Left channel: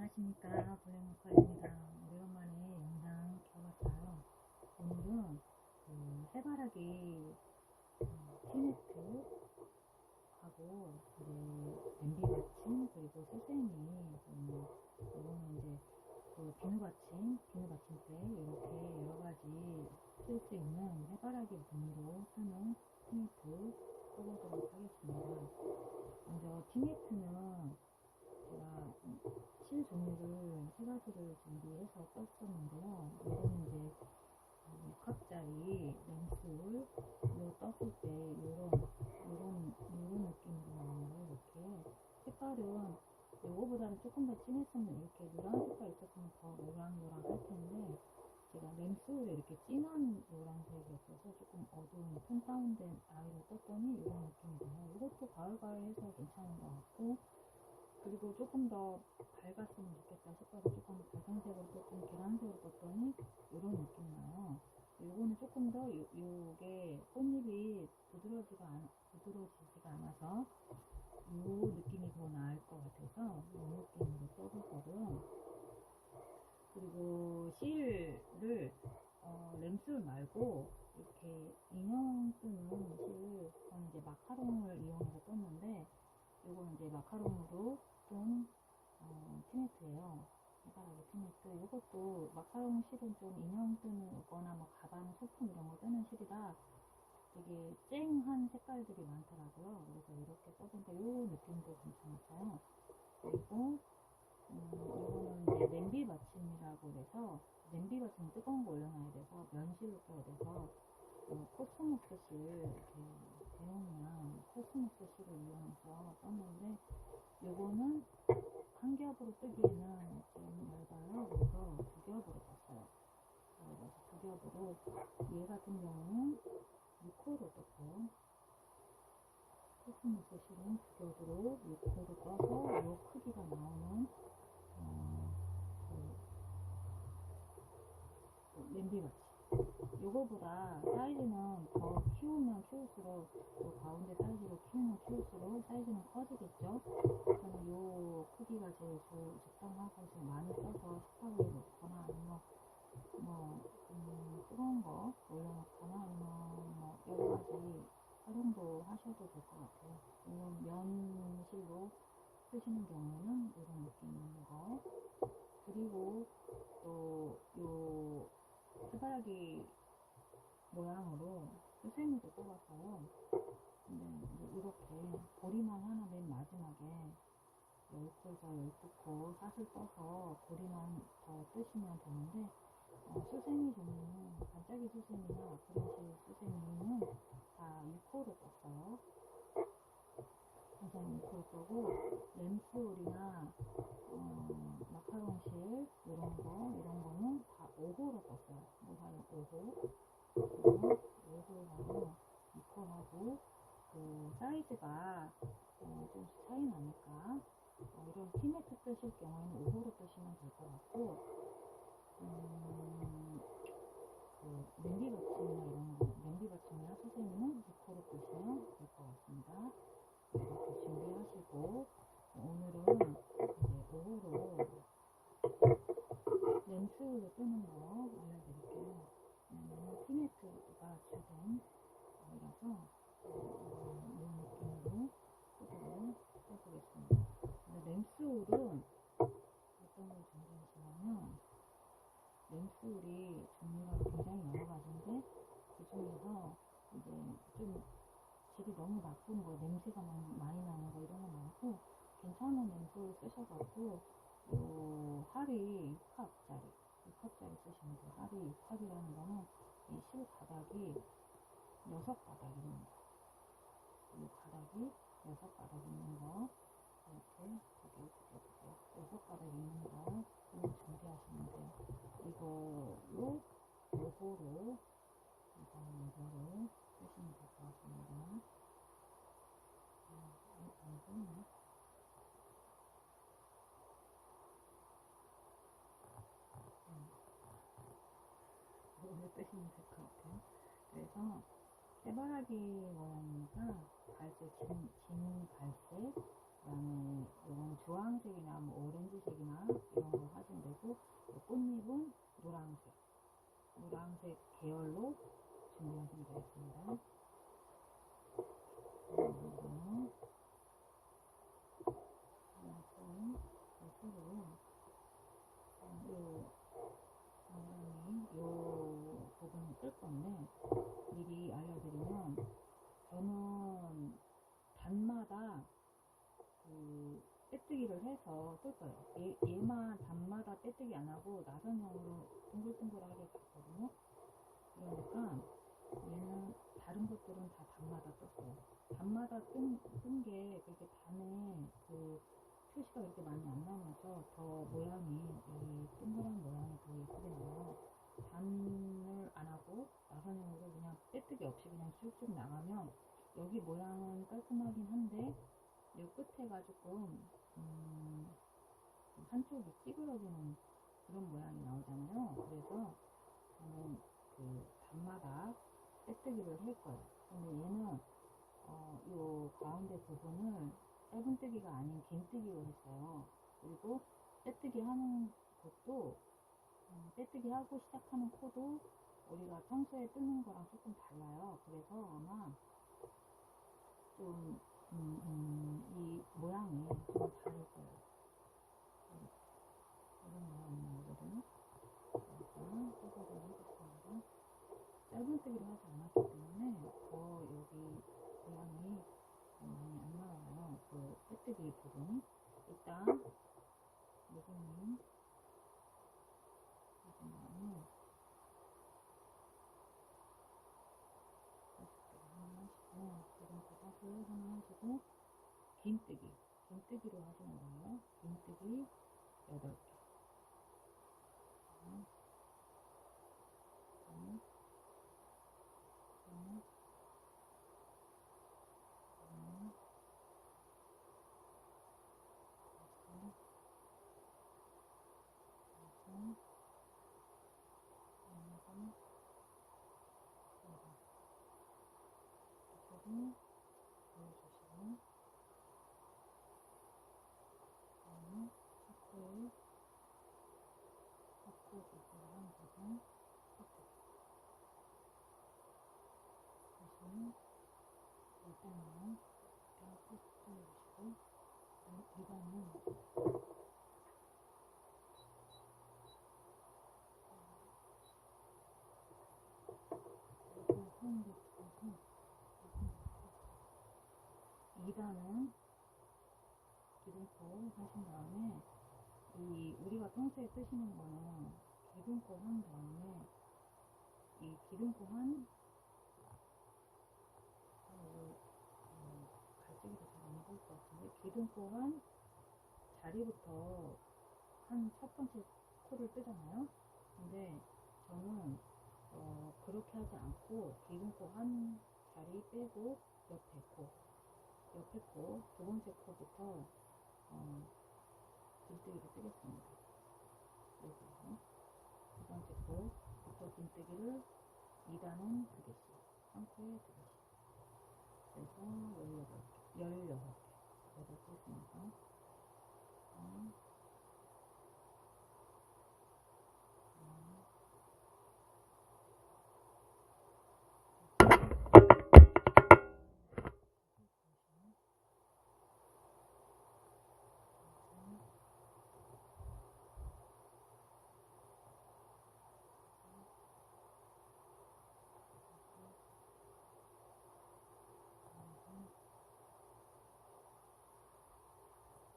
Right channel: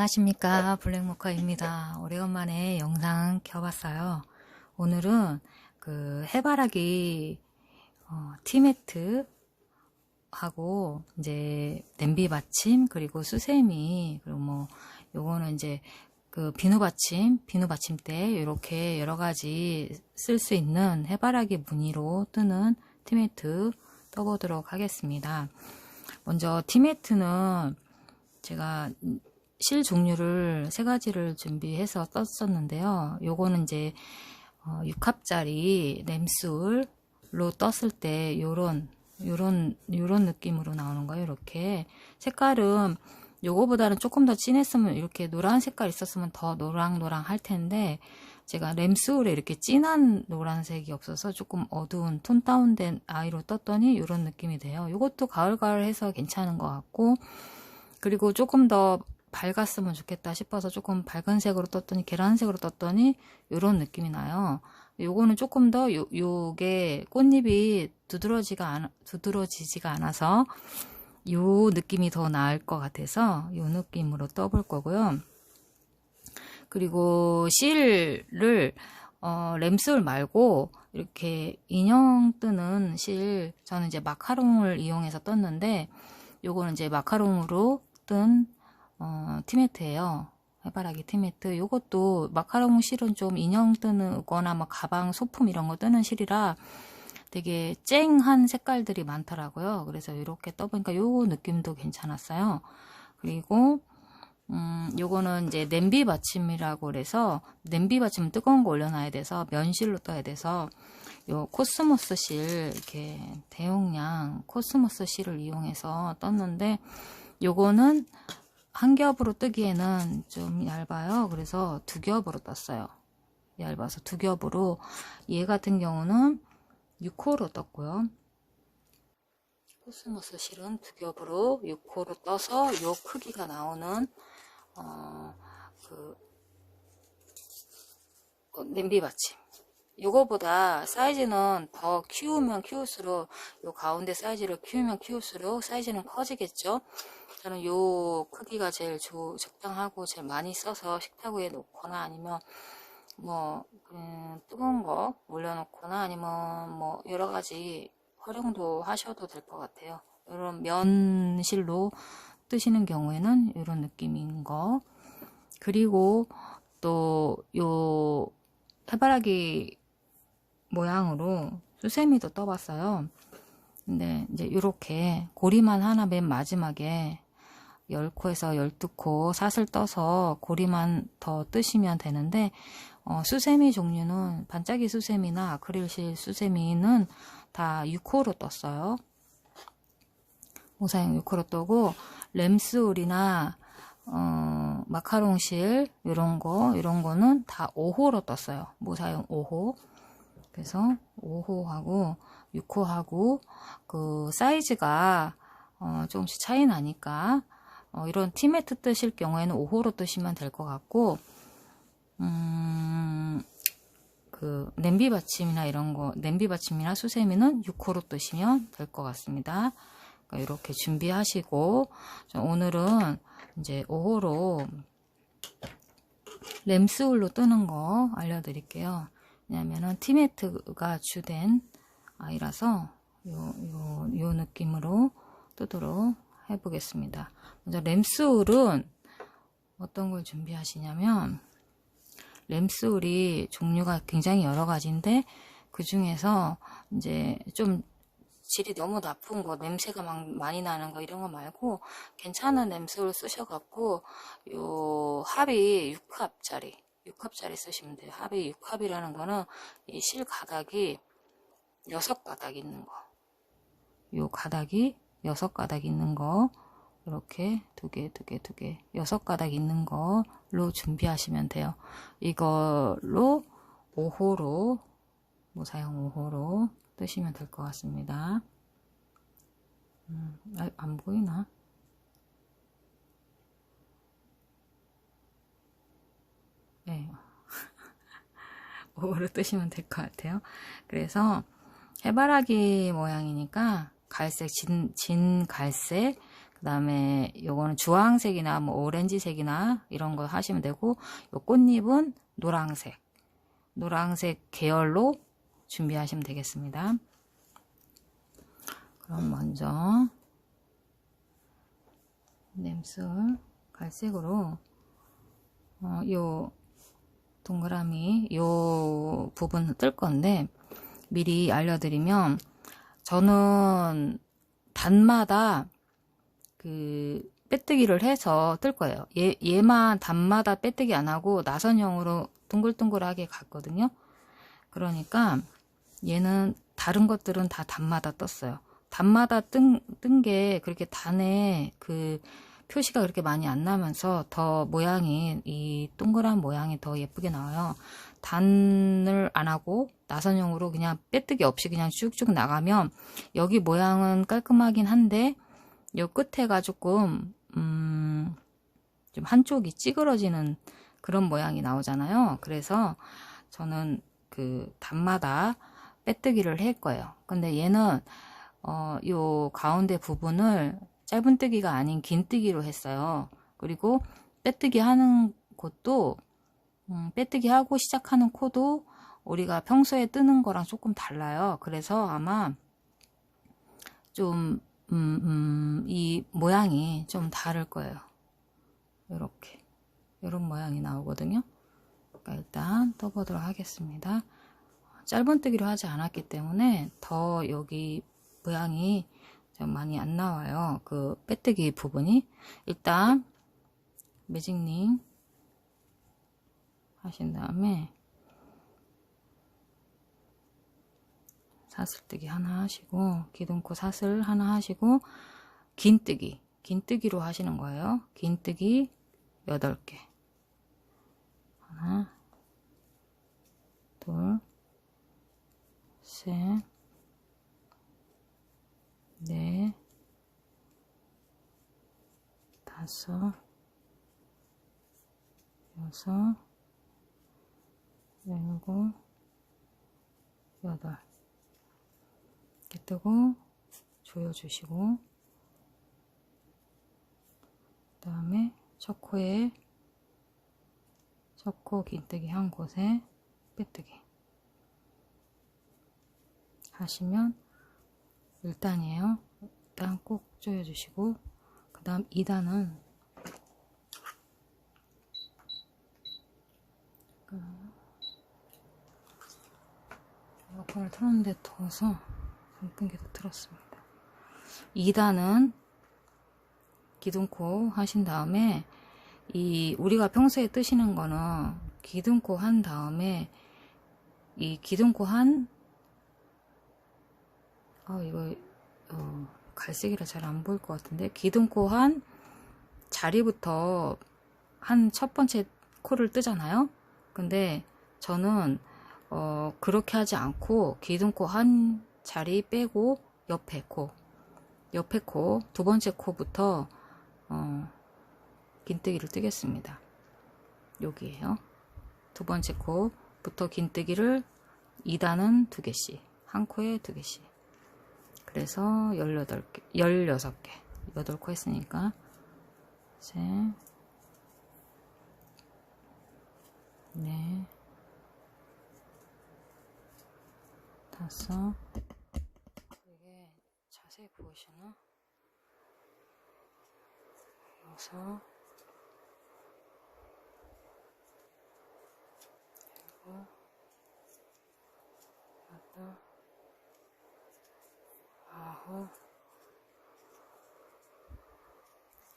안녕하십니까, 블랙모카입니다. 오래간만에 영상 켜봤어요. 오늘은 그 해바라기 티매트 하고 이제 냄비 받침 그리고 수세미 그리고 뭐 요거는 이제 그 비누 받침대 이렇게 여러 가지 쓸 수 있는 해바라기 무늬로 뜨는 티매트 떠보도록 하겠습니다. 먼저 티매트는 제가 실 종류를 세 가지를 준비해서 떴었는데요. 요거는 이제 6합짜리 램술로 떴을 때 요런 느낌으로 나오는 거예요. 이렇게 색깔은 요거보다는 조금 더 진했으면, 이렇게 노란 색깔 있었으면 더 노랑노랑 할 텐데, 제가 램술에 이렇게 진한 노란색이 없어서 조금 어두운 톤 다운된 아이로 떴더니 이런 느낌이 돼요. 이것도 가을가을 해서 괜찮은 것 같고, 그리고 조금 더 밝았으면 좋겠다 싶어서 조금 밝은 색으로 떴더니, 계란색으로 떴더니 이런 느낌이 나요. 요거는 조금 더 요게 꽃잎이 두드러지지가 않아서 요 느낌이 더 나을 것 같아서 요 느낌으로 떠볼 거고요. 그리고 실을 램술 말고 이렇게 인형 뜨는 실, 저는 이제 마카롱을 이용해서 떴는데, 요거는 이제 마카롱으로 뜬 티매트예요. 해바라기 티매트. 요것도 마카롱 실은 좀 인형 뜨는 거나 뭐 가방, 소품 이런 거 뜨는 실이라 되게 쨍한 색깔들이 많더라고요. 그래서 이렇게 떠보니까 요 느낌도 괜찮았어요. 그리고 요거는 이제 냄비 받침이라고 그래서, 냄비 받침은 뜨거운 거 올려놔야 돼서 면실로 떠야 돼서 요 코스모스 실, 이렇게 대용량 코스모스 실을 이용해서 떴는데, 요거는 한 겹으로 뜨기에는 좀 얇아요. 그래서 두 겹으로 떴어요. 얇아서 두 겹으로. 얘 같은 경우는 6호로 떴고요. 코스모스 실은 두 겹으로 6호로 떠서 요 크기가 나오는 냄비 받침. 요거보다 사이즈는 더 키우면 키울수록, 요 가운데 사이즈를 키우면 키울수록 사이즈는 커지겠죠. 저는 요 크기가 제일 적당하고 제일 많이 써서 식탁 위에 놓거나 아니면 뭐 뜨거운 거 올려놓거나 아니면 뭐 여러 가지 활용도 하셔도 될 것 같아요. 이런 면실로 뜨시는 경우에는 이런 느낌인 거. 그리고 또 요 해바라기 모양으로 수세미도 떠봤어요. 근데 이제 이렇게 고리만 하나 맨 마지막에 10코에서 12코 사슬 떠서 고리만 더 뜨시면 되는데, 수세미 종류는 반짝이 수세미나 아크릴실 수세미는 다 6코로 떴어요. 모사용 6코로 뜨고, 램스울이나 마카롱실 이런 거는 다 5호로 떴어요. 모사용 5호. 그래서 5호하고 6호하고 그 사이즈가 조금씩 차이 나니까 이런 티매트 뜨실 경우에는 5호로 뜨시면 될 것 같고, 그 냄비 받침이나 이런 거, 냄비 받침이나 수세미는 6호로 뜨시면 될 것 같습니다. 이렇게 준비하시고, 오늘은 이제 5호로 램스울로 뜨는 거 알려드릴게요. 왜냐면은 티매트가 주된 아이라서 요 느낌으로 뜨도록 해보겠습니다. 먼저 램스울은 어떤 걸 준비하시냐면, 램스울이 종류가 굉장히 여러 가지인데, 그 중에서 이제 좀 질이 너무 나쁜 거, 냄새가 많이 나는 거 이런 거 말고 괜찮은 램스울 쓰셔갖고, 요 합이 6합짜리 쓰시면 돼요. 합이 6합이라는 거는 이 실 가닥이 6가닥 있는 거, 요 가닥이 6가닥 있는 거, 이렇게 두 개 6가닥 있는 걸로 준비하시면 돼요. 이걸로 5호로, 모사용 5호로 뜨시면 될 것 같습니다. 안 보이나? 네. 5호로 뜨시면 될 것 같아요. 그래서 해바라기 모양이니까 갈색, 진 갈색, 그 다음에 요거는 주황색이나 뭐 오렌지색이나 이런 거 하시면 되고, 요 꽃잎은 노란색 계열로 준비하시면 되겠습니다. 그럼 먼저 냄술 갈색으로 요 동그라미 요 부분 뜰 건데, 미리 알려드리면 저는 단마다 그 빼뜨기를 해서 뜰 거예요. 얘만 단마다 빼뜨기 안 하고 나선형으로 둥글둥글하게 갔거든요. 그러니까 얘는 다른 것들은 다 단마다 떴어요. 단마다 뜬 게 그렇게 단에 그 표시가 그렇게 많이 안 나면서 더 모양이, 이 동그란 모양이 더 예쁘게 나와요. 단을 안 하고 나선형으로 그냥 빼뜨기 없이 그냥 쭉쭉 나가면 여기 모양은 깔끔하긴 한데 요 끝에가 조금 좀 한쪽이 찌그러지는 그런 모양이 나오잖아요. 그래서 저는 그 단마다 빼뜨기를 할 거예요. 근데 얘는 요 가운데 부분을 짧은뜨기가 아닌 긴뜨기로 했어요. 그리고 빼뜨기 하는 곳도 빼뜨기 하고 시작하는 코도 우리가 평소에 뜨는 거랑 조금 달라요. 그래서 아마 좀 이 모양이 좀 다를 거예요. 이렇게 이런 모양이 나오거든요. 그러니까 일단 떠보도록 하겠습니다. 짧은뜨기로 하지 않았기 때문에 더 여기 모양이 좀 많이 안 나와요. 그 빼뜨기 부분이. 일단 매직링 하신 다음에 사슬뜨기 하나 하시고, 기둥코 사슬 하나 하시고, 긴뜨기로 하시는 거예요. 긴뜨기 8개. 하나, 둘, 셋, 넷, 다섯, 여섯, 일곱, 여덟. 이렇게 뜨고 조여주시고, 그 다음에 첫 코 긴뜨기 한 곳에 빼뜨기 하시면 1단이에요. 1단 꼭 조여주시고, 그 다음 2단은 에어컨을 틀었는데 더워서 선풍기도 틀었습니다. 2단은 기둥코 하신 다음에, 이 우리가 평소에 뜨시는 거는 기둥코 한 다음에 이 기둥코 한 이거 갈색이라 잘 안 보일 것 같은데, 기둥코 한 자리부터 한 첫 번째 코를 뜨잖아요. 근데 저는 그렇게 하지 않고 기둥코 한 자리 빼고 옆에 코 두 번째 코부터 긴뜨기를 뜨겠습니다. 여기에요. 두 번째 코부터 긴뜨기를 2단은 2개씩, 한 코에 2개씩. 그래서 16개, 8코 했으니까 셋, 넷, 다섯. 이게 자세히 보이시나? 여섯, 일곱, 여덟, 아홉,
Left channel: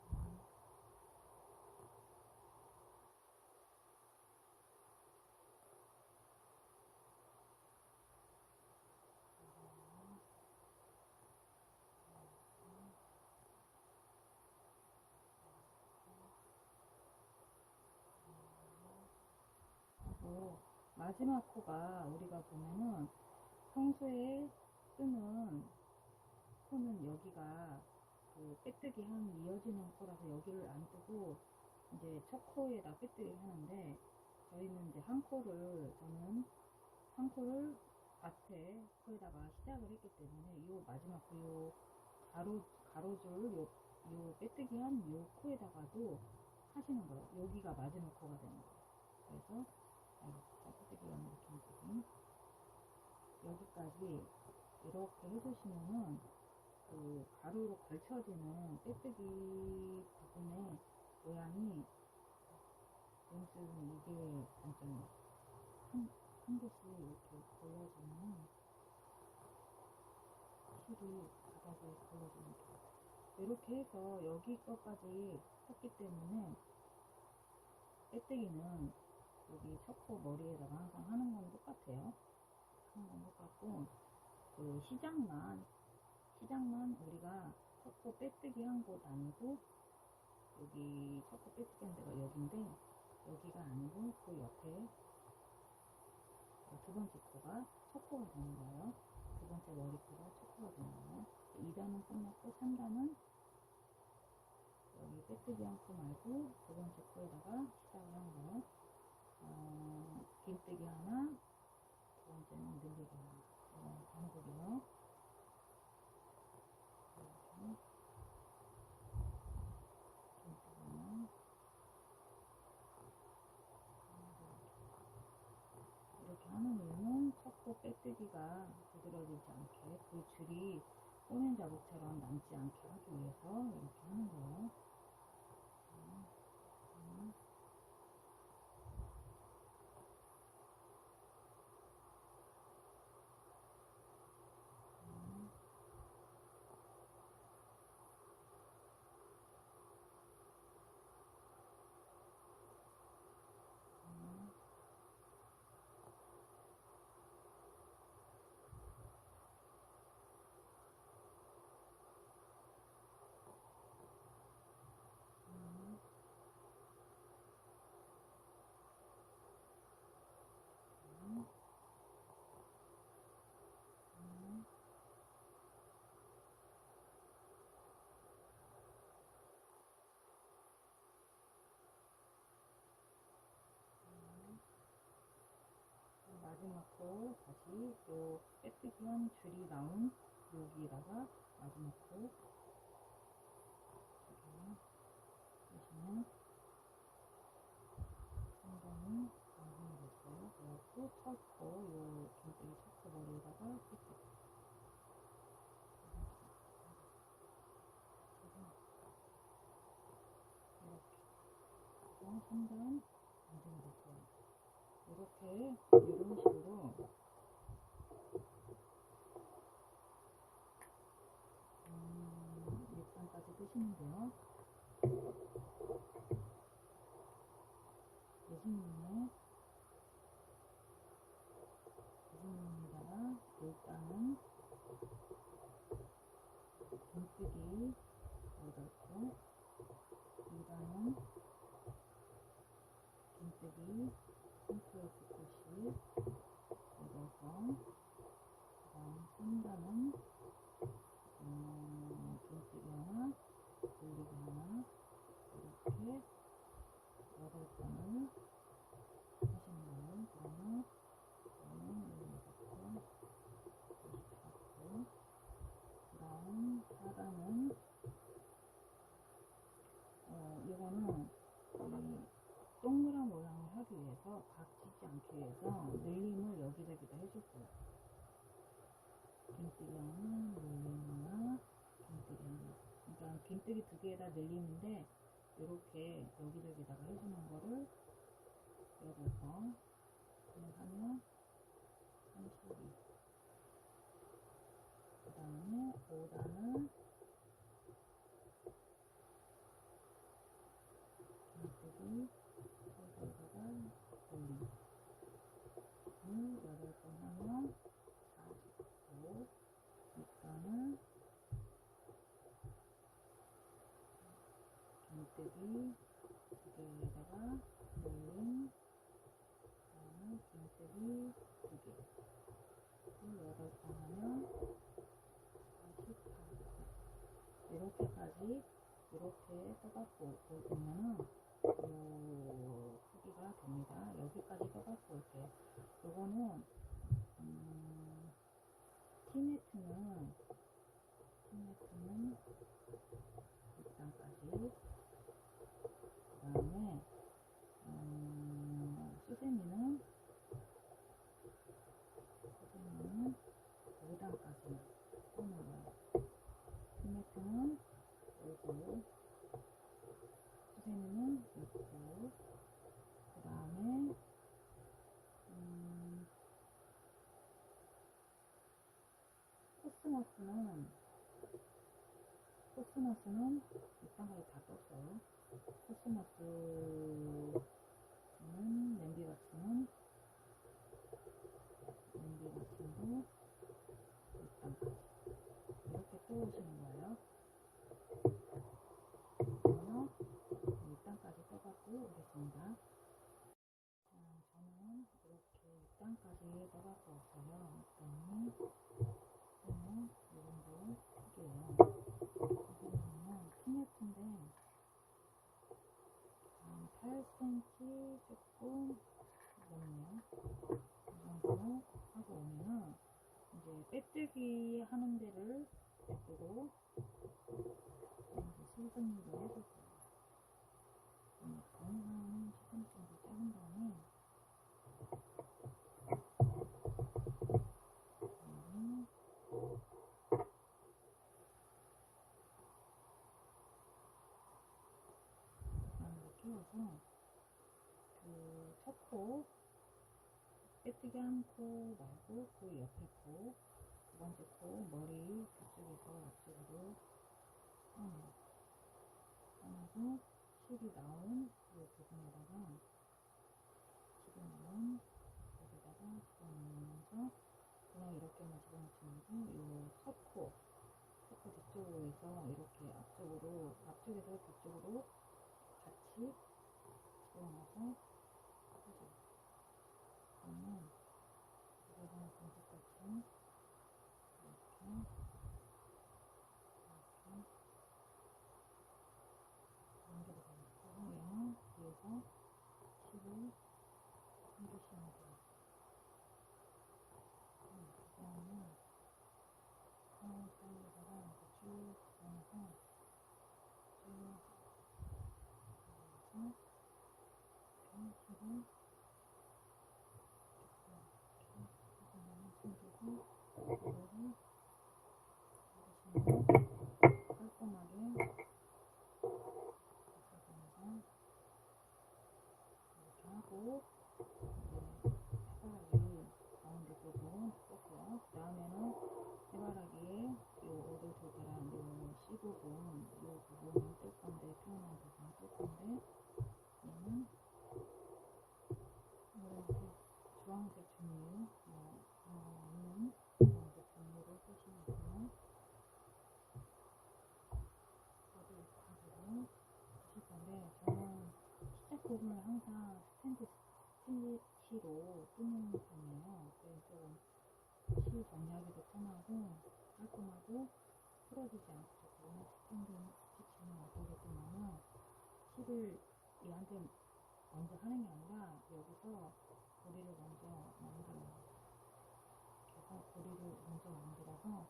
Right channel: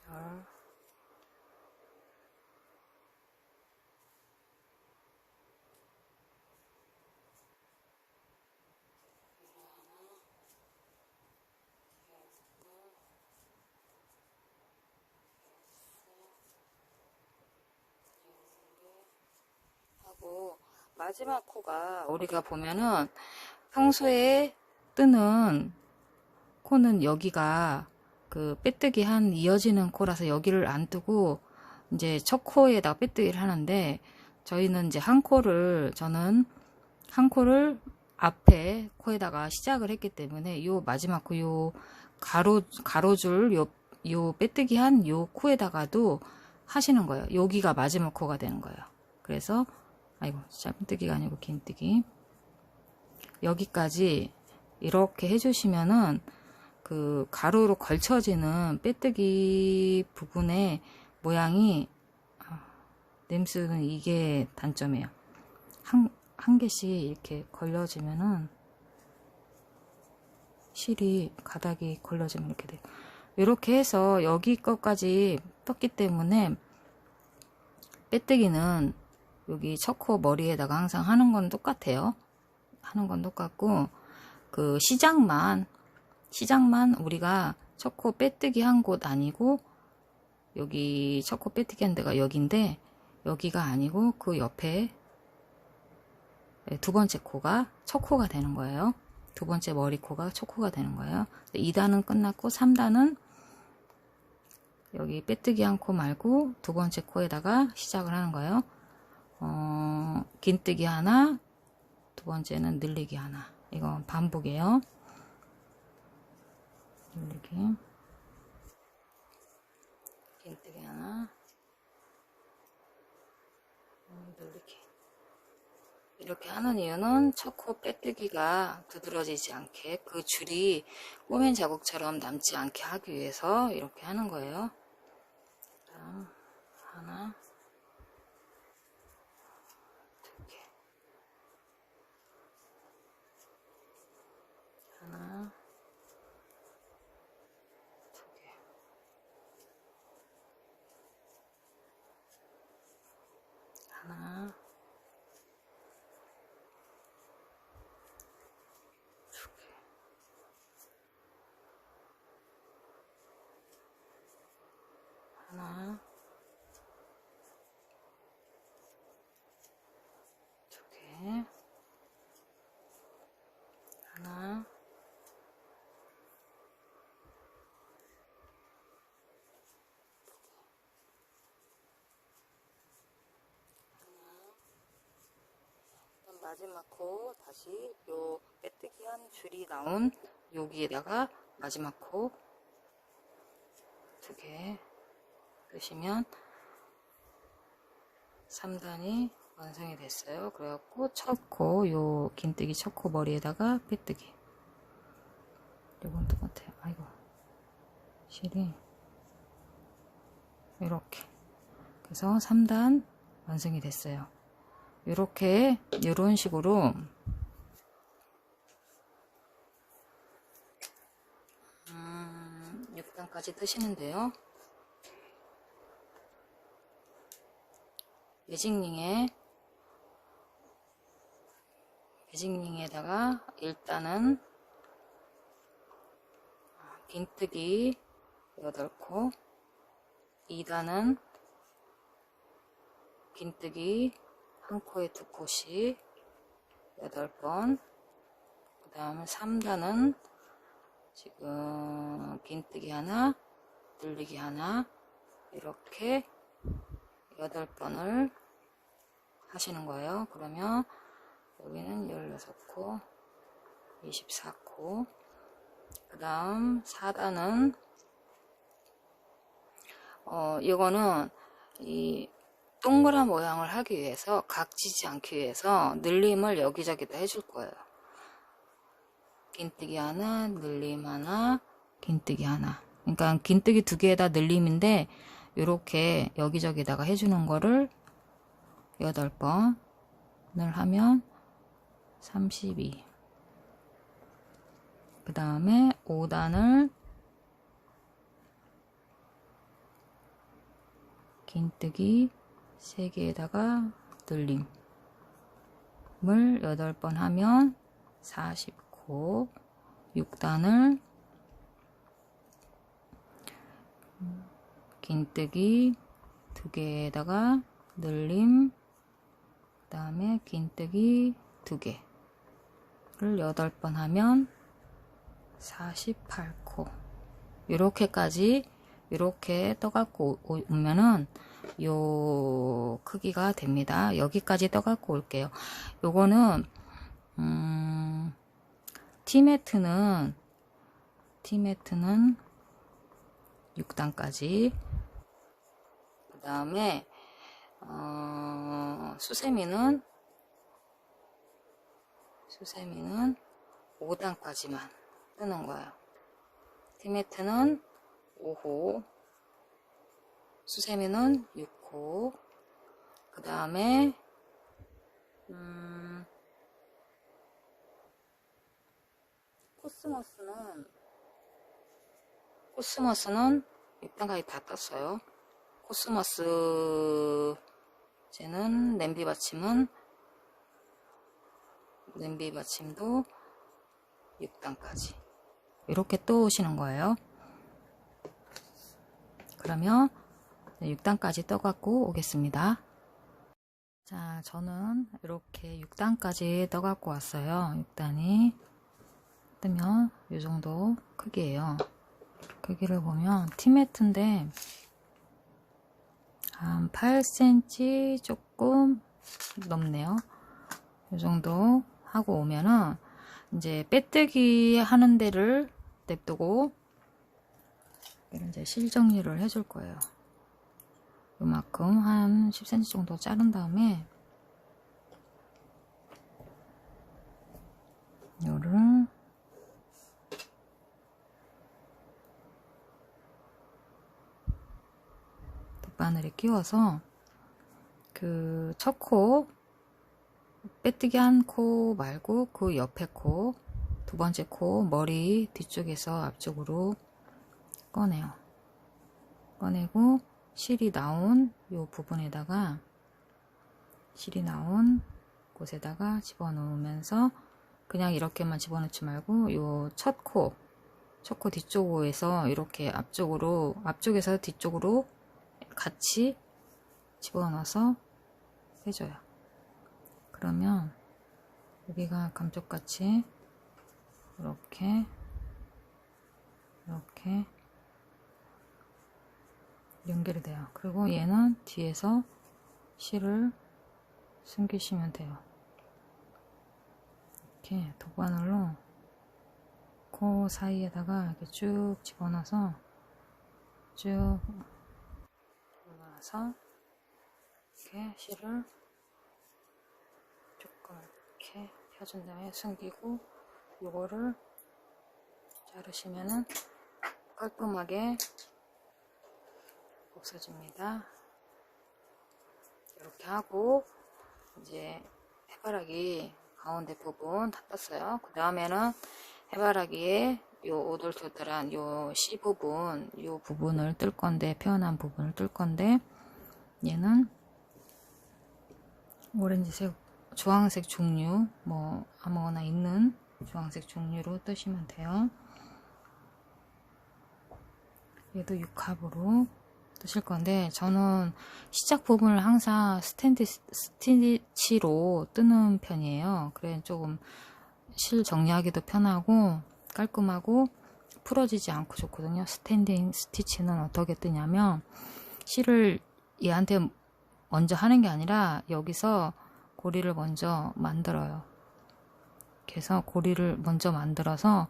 열, 하고, 마지막 코가 우리가 보면은 평소에 뜨는 코는 여기가 그 빼뜨기 한 이어지는 코라서 여기를 안 뜨고 이제 첫 코에다가 빼뜨기를 하는데, 저희는 이제 저는 한 코를 앞에 코에다가 시작을 했기 때문에 요 마지막 코 요 가로줄 요 요 빼뜨기 한 요 코에다가도 하시는 거예요. 여기가 마지막 코가 되는 거예요. 그래서 아이고 짧은뜨기가 아니고 긴뜨기, 여기까지 이렇게 해주시면은 그 가로로 걸쳐지는 빼뜨기 부분의 모양이, 냄새는 이게 단점이에요. 한 개씩 이렇게 걸려지면은 실이 가닥이 걸려지면 이렇게 돼요. 이렇게 해서 여기 것까지 떴기 때문에 빼뜨기는 여기 첫 코 머리에다가 항상 하는 건 똑같아요. 하는 건 똑같고, 그 시작만 우리가 첫 코 빼뜨기 한 곳 아니고, 여기 첫 코 빼뜨기 한 데가 여기인데 여기가 아니고 그 옆에 두 번째 코가 첫 코가 되는 거예요. 두 번째 머리 코가 첫 코가 되는 거예요. 2단은 끝났고 3단은 여기 빼뜨기 한 코 말고 두 번째 코에다가 시작을 하는 거예요. 긴뜨기 하나, 두 번째는 늘리기 하나. 이건 반복이에요. 늘리기, 긴뜨기 하나, 늘리기. 이렇게 하는 이유는 첫 코 빼뜨기가 두드러지지 않게, 그 줄이 꼬맨 자국처럼 남지 않게 하기 위해서 이렇게 하는 거예요. 다음 하나, 두 개, 하나, 두 개, 하나, 두 개, 하나, 두 개, 하나, 마지막 코 다시 요 빼뜨기 한 줄이 나온 여기에다가 마지막 코 두 개 넣으시면 3단이 완성이 됐어요. 그래갖고 첫 코, 요 긴뜨기 첫 코 머리에다가 빼뜨기. 이건 똑같아요. 아이고, 실이 이렇게. 그래서 3단 완성이 됐어요. 이렇게 이런 식으로 6단까지 뜨시는데요. 매직링에다가 일단은 긴뜨기 8코, 2단은 긴뜨기 한 코에 2코씩 8번, 그 다음에 3단은 지금 긴뜨기 하나, 늘리기 하나, 이렇게 8번을 하시는 거예요. 그러면 여기는 16코, 24코, 그 다음 4단은 이거는 이 동그란 모양을 하기 위해서, 각지지 않기 위해서 늘림을 여기저기다 해줄 거예요. 긴뜨기 하나, 늘림 하나, 긴뜨기 하나. 그러니까 긴뜨기 2개에다 늘림인데 이렇게 여기저기다가 해주는 거를 8번을 하면 32. 그 다음에 5단을 긴뜨기 3개에다가 늘림을 8번 하면 40코, 6단을 긴뜨기 2개에다가 늘림, 그 다음에 긴뜨기 2개를 8번 하면 48코. 이렇게까지 이렇게 떠갖고 오면은 요 크기가 됩니다. 여기까지 떠갖고 올게요. 요거는 티매트는 6단까지. 그 다음에 수세미는 5단까지만 뜨는 거예요. 티매트는 5호, 수세미는 6호. 그 다음에 코스모스는 6단까지 다 떴어요. 코스모스 쟤는 냄비 받침도 6단까지 이렇게 또 오시는 거예요. 그러면 6단까지 떠갖고 오겠습니다. 자, 저는 이렇게 6단까지 떠갖고 왔어요. 6단이 뜨면 이 정도 크기예요. 크기를 보면 티매트인데 한 8cm 조금 넘네요. 이 정도 하고 오면은 이제 빼뜨기 하는 데를 냅두고 이제 실 정리를 해줄 거예요. 이만큼 한 10cm 정도 자른 다음에 요를 바늘에 끼워서 그 첫 코 빼뜨기 한 코 말고 그 옆에 코, 두 번째 코 머리 뒤쪽에서 앞쪽으로 꺼내요. 꺼내고 실이 나온 요 부분에다가 실이 나온 곳에다가 집어넣으면서 그냥 이렇게만 집어넣지 말고 요 첫 코 뒤쪽에서 이렇게 앞쪽에서 뒤쪽으로 같이 집어넣어서 해줘요. 그러면 여기가 감쪽같이 이렇게 연결이 돼요. 그리고 얘는 뒤에서 실을 숨기시면 돼요. 이렇게 도바늘로 코 사이에다가 이렇게 쭉 집어넣어서 이렇게 실을 조금 이렇게 펴준 다음에 숨기고 이거를 자르시면은 깔끔하게 없어집니다. 이렇게 하고 이제 해바라기 가운데 부분 다 떴어요. 그 다음에는 해바라기에 요 오돌토돌한 요 C 부분, 요 부분을 뜰 건데, 표현한 부분을 뜰 건데, 얘는 오렌지색, 주황색 종류, 뭐 아무거나 있는 주황색 종류로 뜨시면 돼요. 얘도 6합으로 뜨실 건데, 저는 시작 부분을 항상 스티치로 뜨는 편이에요. 그래 조금 실 정리하기도 편하고 깔끔하고 풀어지지 않고 좋거든요. 스탠딩 스티치는 어떻게 뜨냐면 실을 얘한테 먼저 하는 게 아니라 여기서 고리를 먼저 만들어요. 그래서 고리를 먼저 만들어서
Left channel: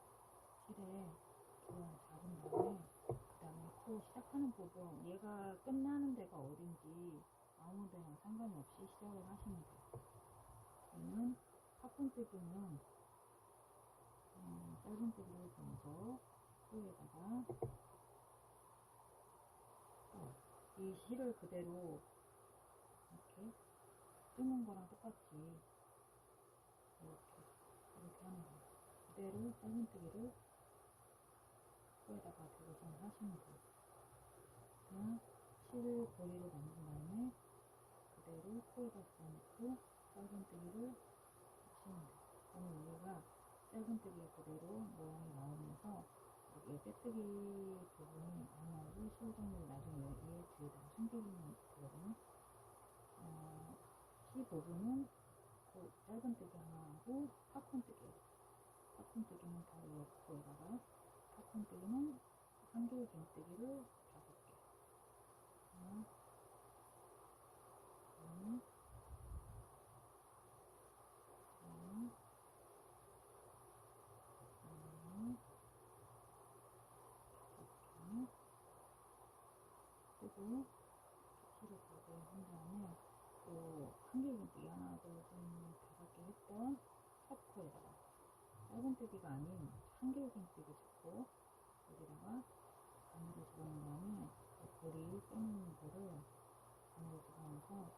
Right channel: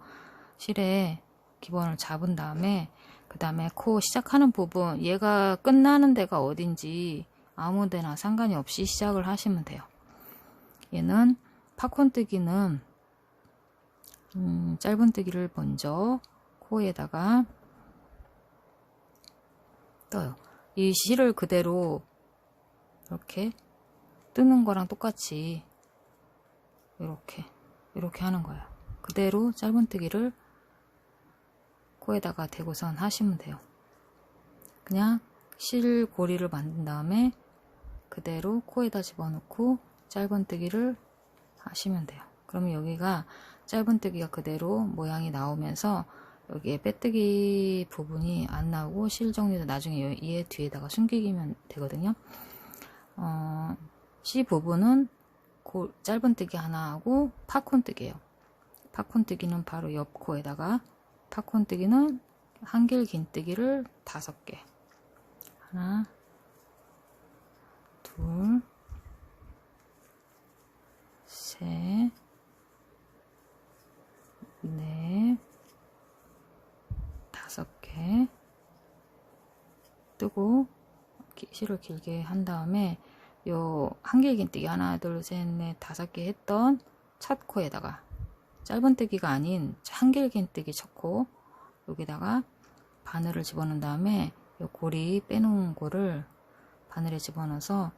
실에 기본을 잡은 다음에 그 다음에 코 시작하는 부분, 얘가 끝나는 데가 어딘지 아무 데나 상관이 없이 시작을 하시면 돼요. 얘는 팝콘뜨기는 짧은뜨기를 먼저 코에다가 떠요. 이 실을 그대로 이렇게 뜨는 거랑 똑같이 이렇게 하는 거예요. 그대로 짧은뜨기를 코에다가 대고선 하시면 돼요. 그냥 실 고리를 만든 다음에 그대로 코에다 집어넣고 짧은뜨기를 하시면 돼요. 그러면 여기가 짧은뜨기가 그대로 모양이 나오면서 여기에 빼뜨기 부분이 안 나오고 실 정리도 나중에 얘 뒤에다가 숨기면 되거든요. C 부분은 짧은뜨기 하나 하고 팝콘뜨기예요. 팝콘뜨기는 바로 옆 코에다가, 팝콘뜨기는 한길 긴뜨기를 5개, 하나, 둘, 셋, 넷, 5개, 뜨고 실을 길게 한 다음에 요 한길긴뜨기 하나 둘셋넷 5개 했던 첫 코에다가 짧은뜨기가 아닌 한길긴뜨기 첫 코 여기다가 바늘을 집어넣은 다음에 요 고리 빼놓은 거를 바늘에 집어넣어서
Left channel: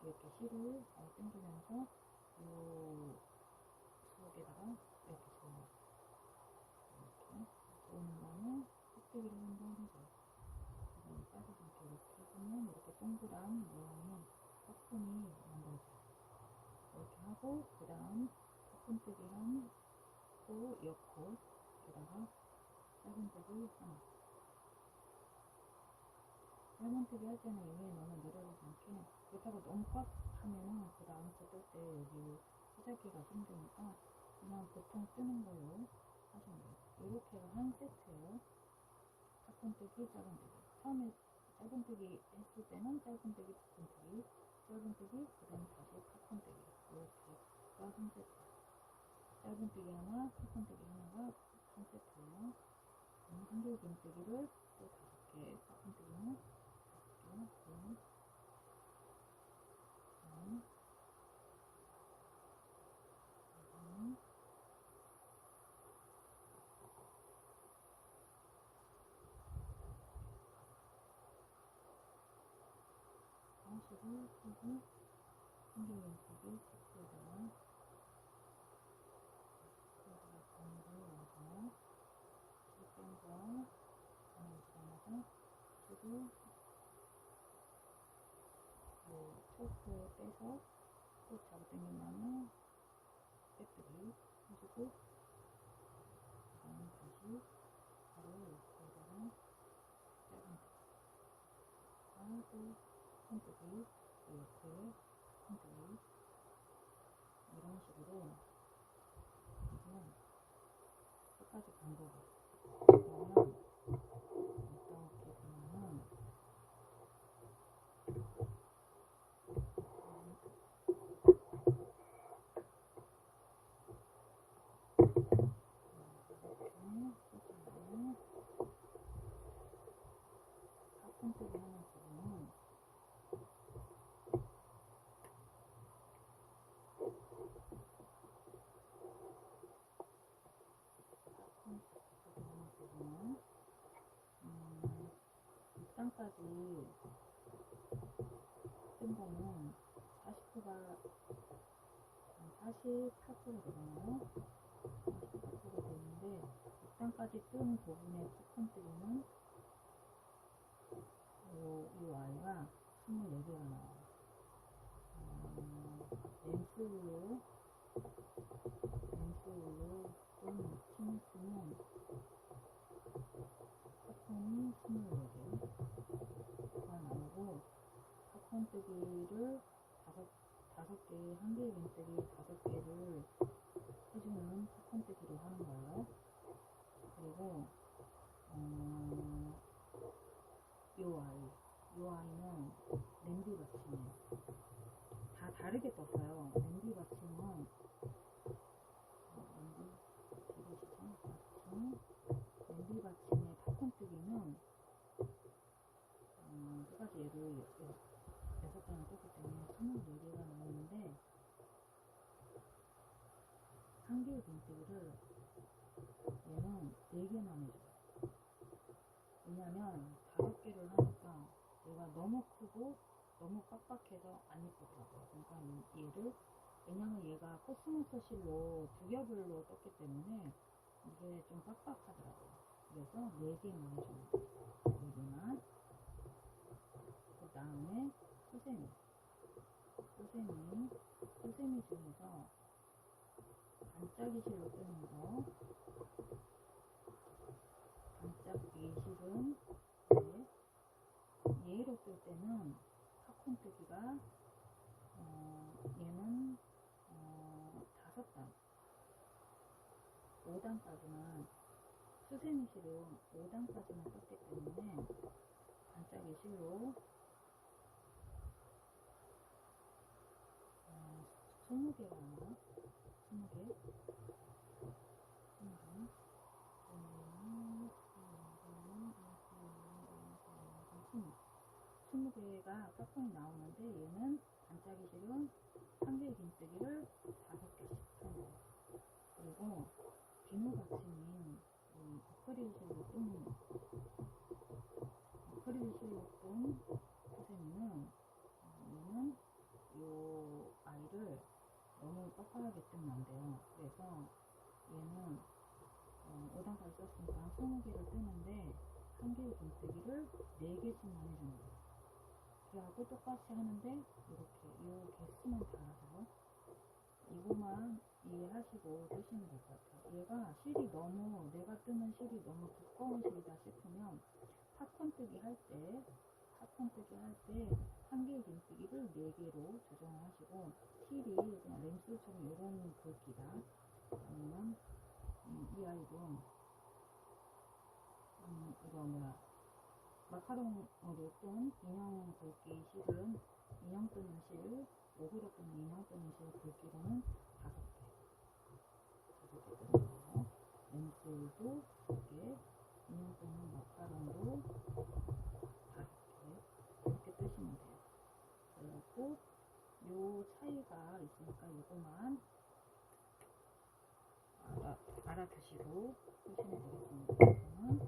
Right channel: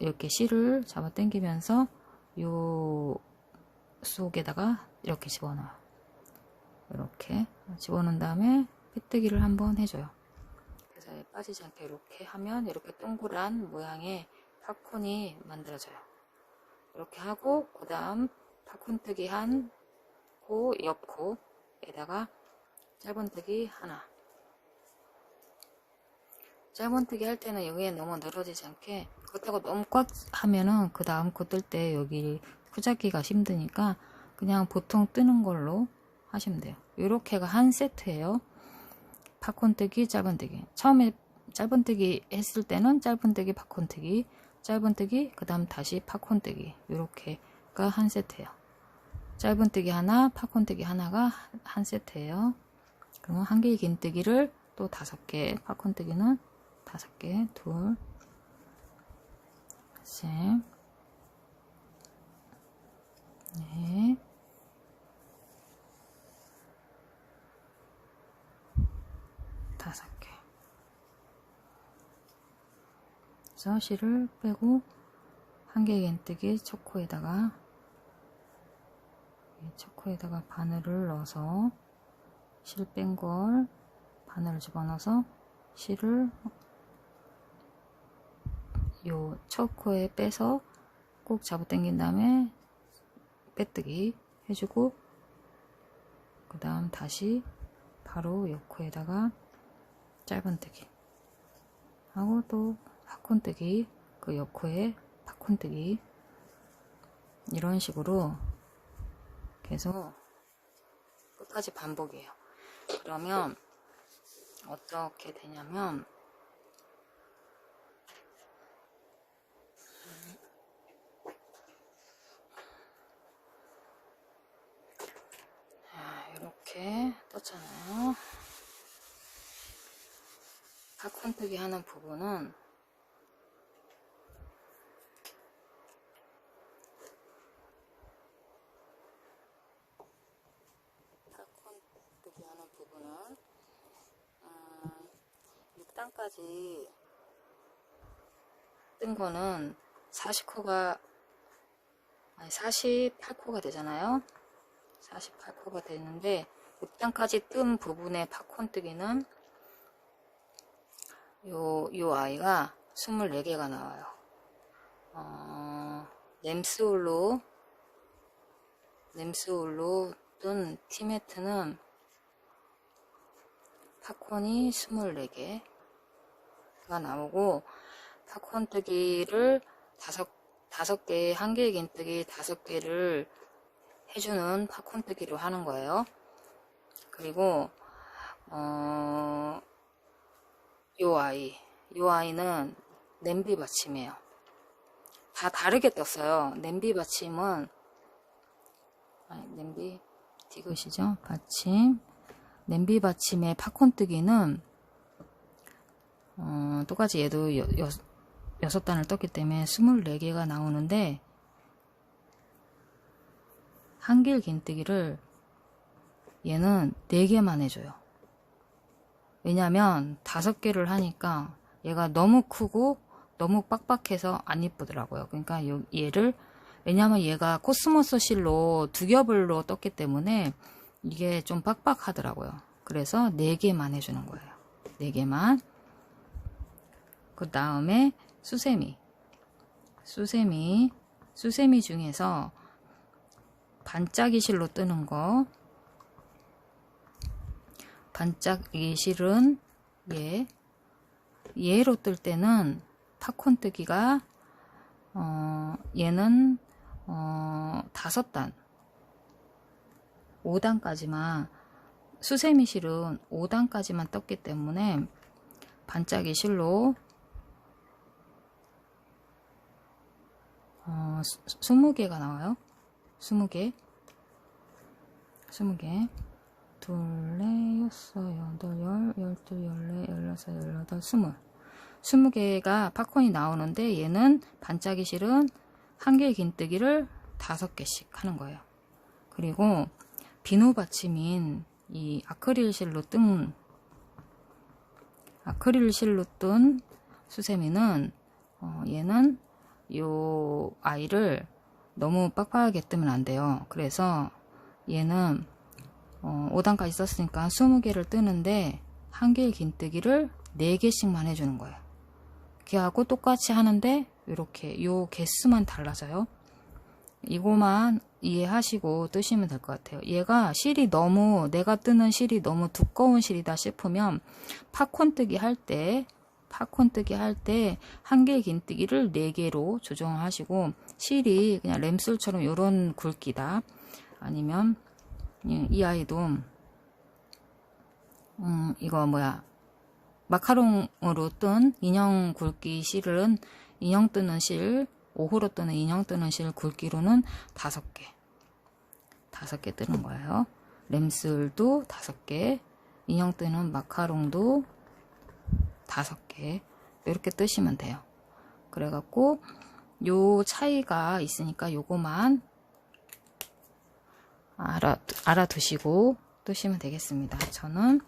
이렇게 실을 잡아 당기면서 요 속에다가 이렇게 집어넣어요. 이렇게 집어넣은 다음에 빼뜨기를 한번 해줘요. 그래서 빠지지 않게 이렇게 하면 이렇게 동그란 모양의 팝콘이 만들어져요. 이렇게 하고 그 다음 팝콘뜨기 한 코, 옆 코에다가 짧은뜨기 하나. 짧은뜨기 할 때는 여기에 너무 늘어지지 않게 그렇다고 너무 꽉 하면은 그 다음 코 뜰 때 여기 후잡기가 힘드니까 그냥 보통 뜨는 걸로 하시면 돼요. 이렇게가 한 세트예요. 팝콘뜨기, 짧은뜨기. 처음에 짧은뜨기 했을 때는 짧은뜨기, 팝콘뜨기, 짧은뜨기, 그 다음 다시 팝콘뜨기. 이렇게가 한 세트예요. 짧은뜨기 하나, 팝콘뜨기 하나가 한 세트예요. 그러면 한길긴뜨기를 또 5개, 팝콘뜨기는 5개, 둘, 셋, 넷, 5개. 그래서 실을 빼고 한길긴뜨기 첫 코에다가 바늘을 넣어서 실 뺀 걸 바늘을 집어넣어서 실을 요 첫 코에 빼서 꼭 잡아 당긴 다음에 빼뜨기 해주고 그 다음 다시 바로 옆 코에다가 짧은뜨기 하고 또 팝콘뜨기 그 옆 코에 팝콘뜨기 이런 식으로 계속 끝까지 반복이에요. 그러면 어떻게 되냐면 이렇게 떴잖아요. 팝콘뜨기 하는 부분은 땅까지 뜬 거는 40코가 아니 48코가 되잖아요. 48코가 되는데 6단까지 뜬 부분의 팝콘뜨기는 요 아이가 24개가 나와요. 램스홀로 뜬 티매트는 팝콘이 24개가 나오고 팝콘뜨기를 5개 한길긴뜨기 5개를 해주는 팝콘뜨기로 하는 거예요. 그리고 요 아이는 냄비 받침이에요. 다 다르게 떴어요. 냄비 받침은 냄비 디귿이죠. 받침 냄비 받침의 팝콘뜨기는 똑같이 얘도 6단을 떴기 때문에 24개가 나오는데 한길긴뜨기를 얘는 4개만 해줘요. 왜냐면 5개를 하니까 얘가 너무 크고 너무 빡빡해서 안 이쁘더라고요. 그러니까 얘를 왜냐면 얘가 코스모스 실로 2겹으로 떴기 때문에 이게 좀 빡빡하더라고요. 그래서 4개만 해주는 거예요. 4개만. 그 다음에 수세미 중에서 반짝이 실로 뜨는 거 반짝이 실은 얘로 뜰 때는 팝콘뜨기가 얘는 5단 5단까지만 수세미 실은 5단까지만 떴기 때문에 반짝이 실로 20개가 나와요. 20개 둘, 넷, 여섯, 여덟, 열, 열둘, 열넷, 열여섯, 열여덟, 20 20개가 팝콘이 나오는데 얘는 반짝이 실은 1개의 긴뜨기를 5개씩 하는 거예요. 그리고 비누 받침인 이 아크릴 실로 뜬 수세미는 얘는 요 아이를 너무 빡빡하게 뜨면 안 돼요. 그래서 얘는 5단까지 썼으니까 20개를 뜨는데 1개의 긴뜨기를 4개씩만 해주는 거예요. 걔하고 똑같이 하는데 이렇게 요 개수만 달라져요. 이거만 이해하시고 뜨시면 될 것 같아요. 얘가 실이 너무, 내가 뜨는 실이 너무 두꺼운 실이다 싶으면 팝콘 뜨기 할 때 1개의 긴뜨기를 4개로 조정하시고, 실이 그냥 램술처럼 요런 굵기다. 아니면 이 아이도 이거 뭐야, 마카롱으로 뜬 인형 굵기 실은 인형 뜨는 실, 5호로 뜨는 인형 뜨는 실 굵기로는 5개 뜨는 거예요. 램슬도 5개, 인형 뜨는 마카롱도 5개, 이렇게 뜨시면 돼요. 그래갖고 요 차이가 있으니까 요거만 알아두시고 뜨시면 되겠습니다. 저는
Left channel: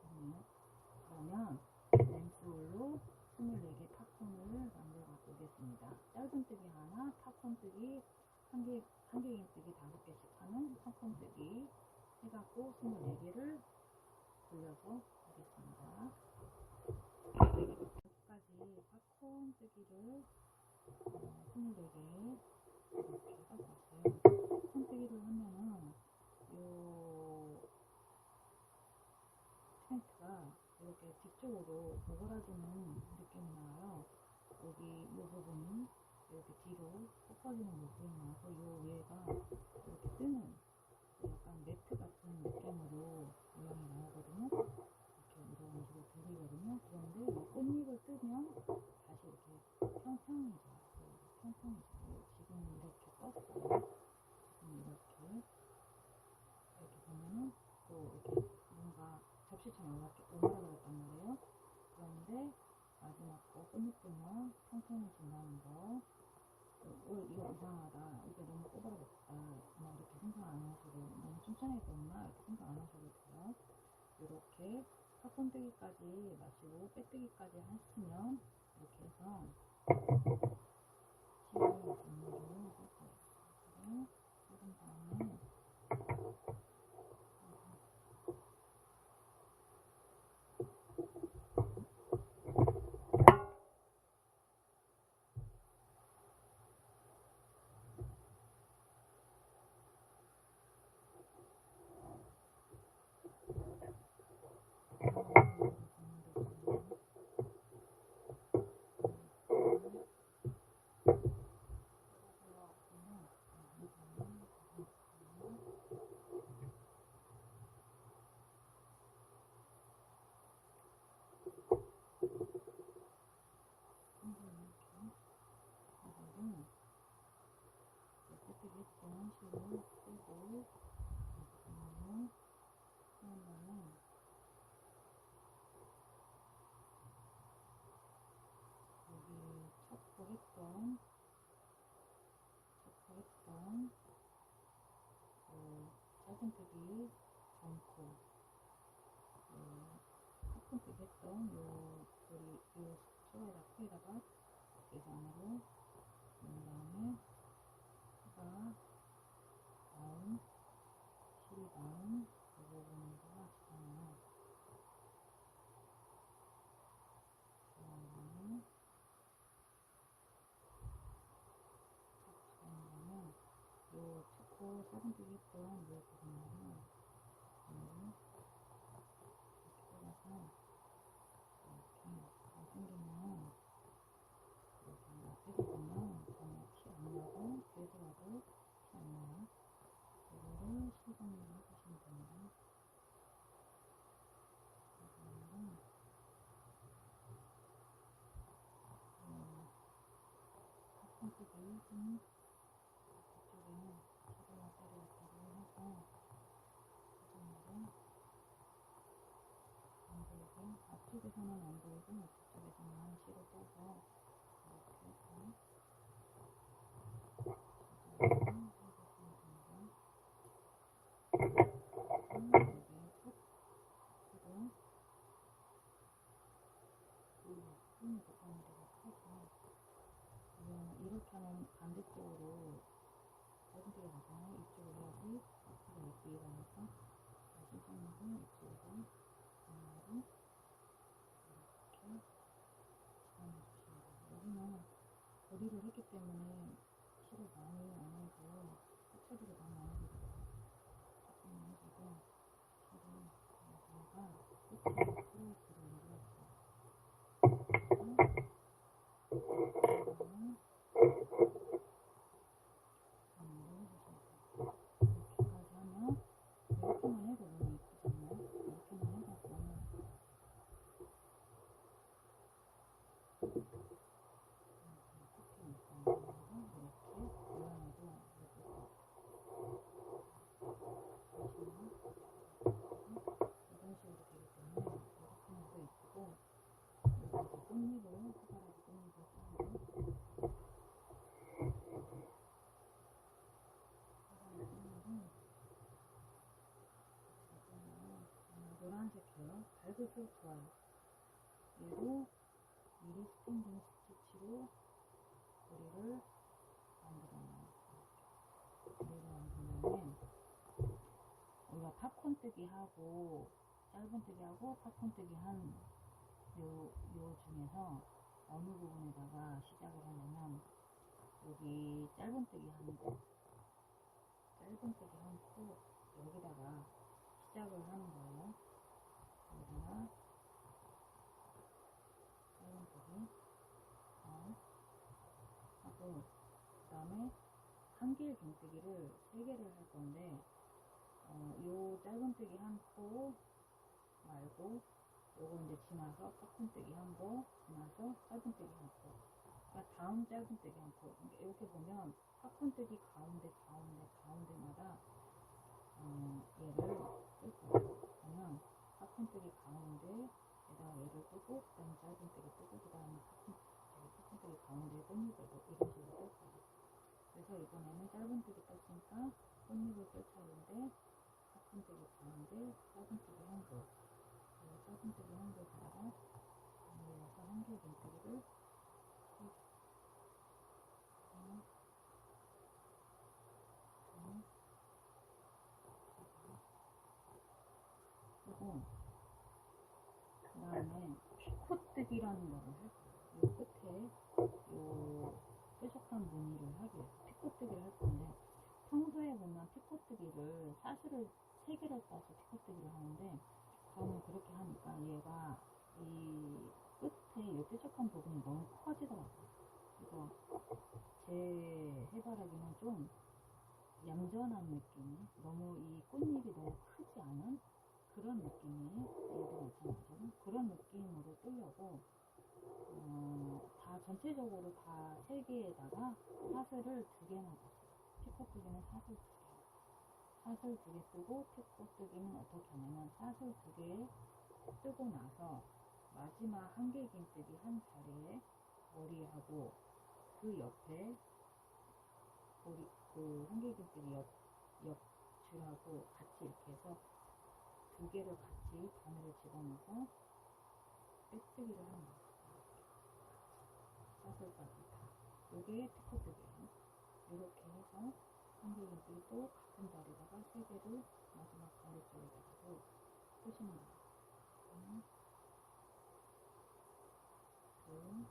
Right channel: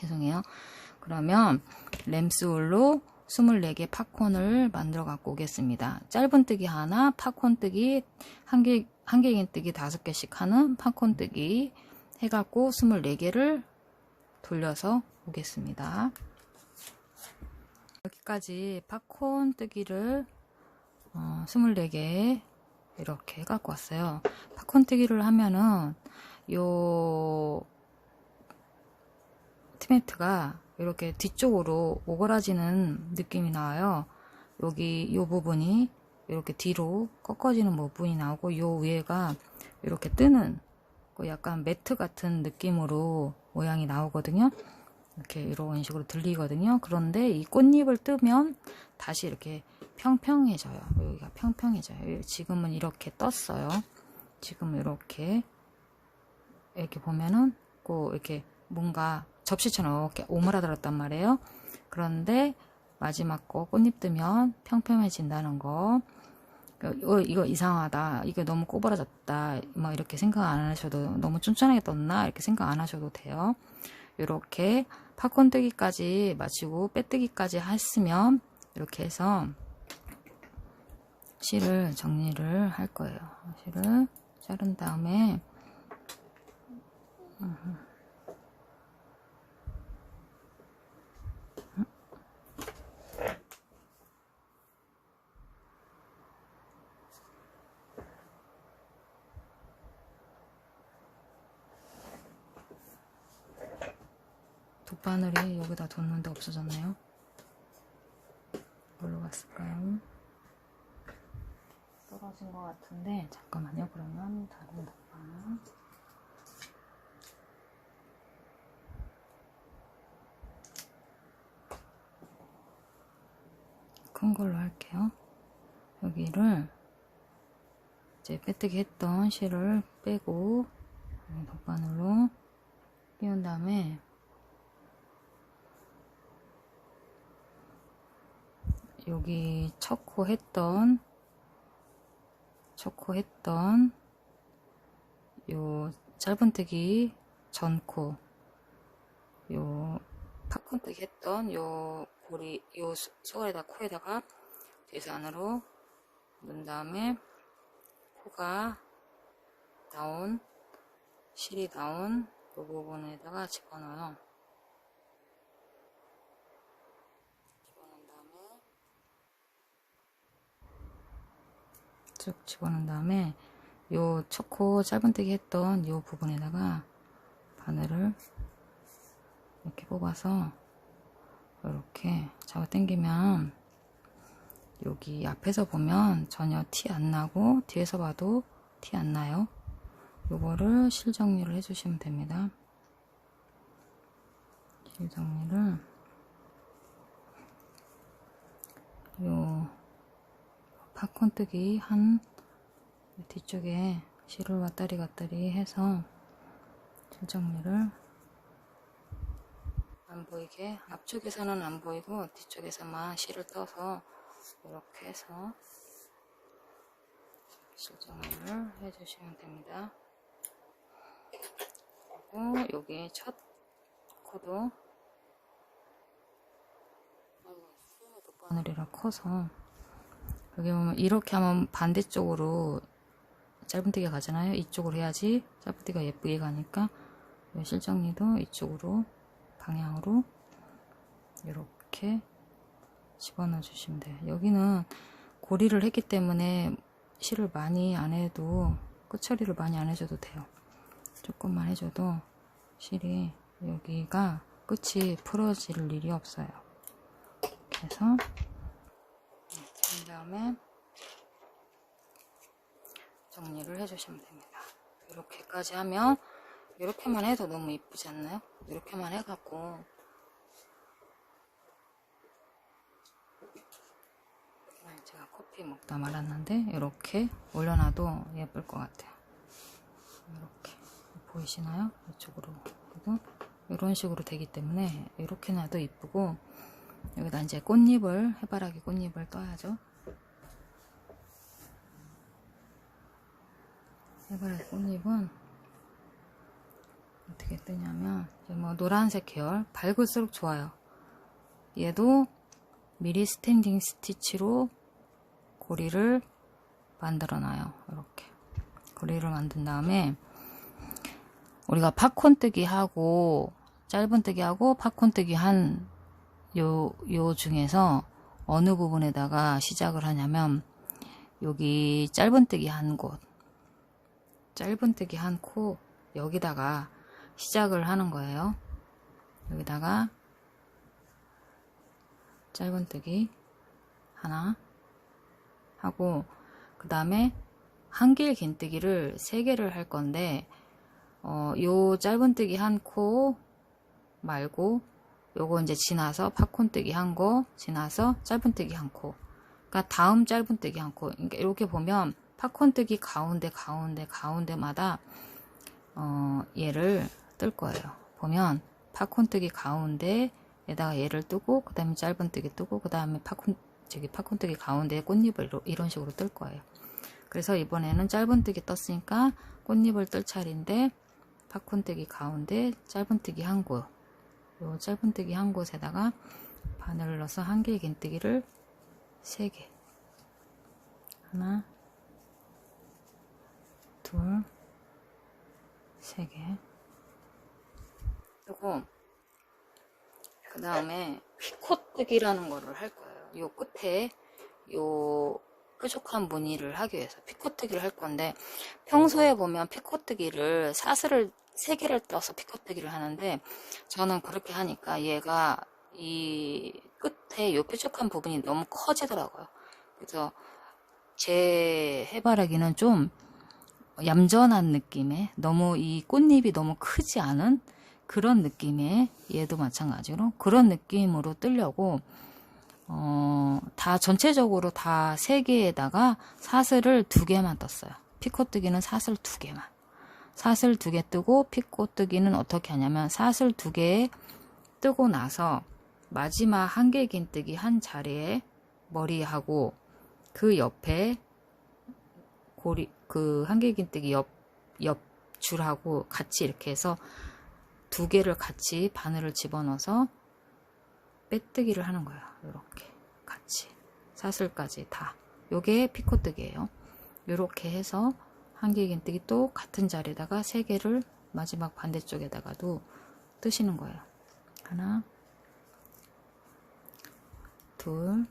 죄송해요. 그러면 램스울로 24개 팝콘을 만들어 갖고 오겠습니다. 짧은 뜨기 하나, 팝콘 뜨기 1개 긴뜨기 5개씩 하는 팝콘 뜨기 해갖고 24개를 돌려서 오겠습니다. 여기까지 팝콘 뜨기를 24개 이렇게 갖고 왔어요. 팝콘 뜨기를 하면은 요 티매트가 이렇게 뒤쪽으로 오그라지는 느낌이 나와요. 여기 요 부분이 이렇게 뒤로 꺾어지는 부분이 나오고, 요 위에가 이렇게 뜨는 약간 매트 같은 느낌으로 모양이 나오거든요. 이렇게 이런 식으로 들리거든요. 그런데 이 꽃잎을 뜨면 다시 이렇게 평평해져요. 여기가 평평해져요. 지금은 이렇게 떴어요. 지금 이렇게 보면은 꼭 이렇게 뭔가 접시처럼 이렇게 오므라들었단 말이에요. 그런데 마지막 거 꽃잎 뜨면 평평해진다는 거. 이거 이상하다, 이거 너무 꼬부라졌다, 막 이렇게 생각 안 하셔도, 너무 쫀쫀하게 떴나 이렇게 생각 안 하셔도 돼요. 이렇게 팝콘 뜨기까지 마치고 빼뜨기까지 했으면 이렇게 해서 실을 정리를 할 거예요. 실을 자른 다음에 돗바늘이 여기다 뒀는데 없어졌네요. 뭘로 갔을까요? 떨어진 것 같은데, 잠깐만요. 그러면 다른 돗바늘, 큰 걸로 할게요. 여기를 이제 빼뜨기 했던 실을 빼고 돗바늘로 끼운 다음에 여기 첫 코 했던 요 짧은뜨기 전코, 요 팝콘뜨기 했던 요 고리, 요 소갈에다 코에다가 뒤에서 안으로 넣은 다음에 코가 나온, 실이 나온 그 부분에다가 집어넣어요. 집어넣은 다음에 쭉 집어넣은 다음에 요 초코 짧은뜨기 했던 요 부분에다가 바늘을 이렇게 뽑아서 이렇게 잡아 당기면 여기 앞에서 보면 전혀 티 안 나고 뒤에서 봐도 티 안 나요. 요거를 실 정리를 해주시면 됩니다. 실 정리를 요 팝콘 뜨기 한 뒤쪽에 실을 왔다리 갔다리 해서 실 정리를 안 보이게, 앞쪽에서는 안 보이고 뒤쪽에서만 실을 떠서 이렇게 해서 실정리를 해주시면 됩니다. 그리고 여기 첫 코도 바늘이라 커서 여기 보면 이렇게 하면 반대쪽으로 짧은뜨기가 가잖아요. 이쪽으로 해야지 짧은뜨기가 예쁘게 가니까 실정리도 이쪽으로 방향으로 이렇게 집어넣어 주시면 돼요. 여기는 고리를 했기 때문에 실을 많이 안 해도 끝처리를 많이 안 해줘도 돼요. 조금만 해줘도 실이 여기가 끝이 풀어질 일이 없어요. 그래서 그 다음에 정리를 해주시면 됩니다. 이렇게까지 하면 이렇게만 해도 너무 이쁘지 않나요? 이렇게만 해갖고 제가 커피 먹다 말았는데 이렇게 올려놔도 예쁠 것 같아요. 이렇게 보이시나요? 이쪽으로 해도 이런 식으로 되기 때문에 이렇게 놔도 이쁘고 여기다 이제 꽃잎을 해바라기 꽃잎을 떠야죠. 해바라기 꽃잎은 어떻게 뜨냐면 뭐 노란색 계열 밝을수록 좋아요. 얘도 미리 스탠딩 스티치로 고리를 만들어 놔요. 이렇게 고리를 만든 다음에 우리가 팝콘뜨기 하고 짧은뜨기 하고 팝콘뜨기 한 요 중에서 어느 부분에다가 시작을 하냐면 여기 짧은뜨기 한 곳, 짧은뜨기 한 코 여기다가 시작을 하는 거예요. 여기다가 짧은뜨기 하나 하고 그 다음에 한길 긴뜨기를 3개를 할 건데 요 짧은뜨기 한 코 말고 요거 이제 지나서 팝콘뜨기 한 거 지나서 짧은뜨기 한 코, 그러니까 다음 짧은뜨기 한 코. 그러니까 이렇게 보면 팝콘뜨기 가운데마다 얘를 뜰 거예요. 보면 팝콘뜨기 가운데에다가 얘를 뜨고 그 다음에 짧은뜨기 뜨고 그 다음에 팝콘뜨기 가운데에 꽃잎을 이런 식으로 뜰 거예요. 그래서 이번에는 짧은뜨기 떴으니까 꽃잎을 뜰 차례인데 팝콘뜨기 가운데 짧은뜨기 한 곳, 요 짧은뜨기 한 곳에다가 바늘을 넣어서 한길 긴뜨기를 3개, 하나, 둘, 3개. 그리고 그 다음에 피코뜨기라는 거를 할 거예요. 요 끝에 요 뾰족한 무늬를 하기 위해서 피코뜨기를 할 건데, 평소에 보면 피코뜨기를 사슬을 3개를 떠서 피코뜨기를 하는데 저는 그렇게 하니까 얘가 이 끝에 요 뾰족한 부분이 너무 커지더라고요. 그래서 제 해바라기는 좀 얌전한 느낌의, 너무 이 꽃잎이 너무 크지 않은 그런 느낌의, 얘도 마찬가지로 그런 느낌으로 뜨려고 다 전체적으로 다 3개에다가 사슬을 2개만 떴어요. 피코뜨기는 사슬 2개만. 사슬 2개 뜨고 피코뜨기는 어떻게 하냐면 사슬 2개 뜨고 나서 마지막 한길 긴뜨기 한 자리에 머리하고 그 옆에 고리, 그 한길 긴뜨기 옆 줄하고 같이 이렇게 해서 2개를 같이 바늘을 집어넣어서 빼뜨기를 하는 거예요. 이렇게 같이 사슬까지 다. 요게 피코뜨기예요. 이렇게 해서 한길 긴뜨기 또 같은 자리에다가 3개를 마지막 반대쪽에다가도 뜨시는 거예요. 하나, 둘,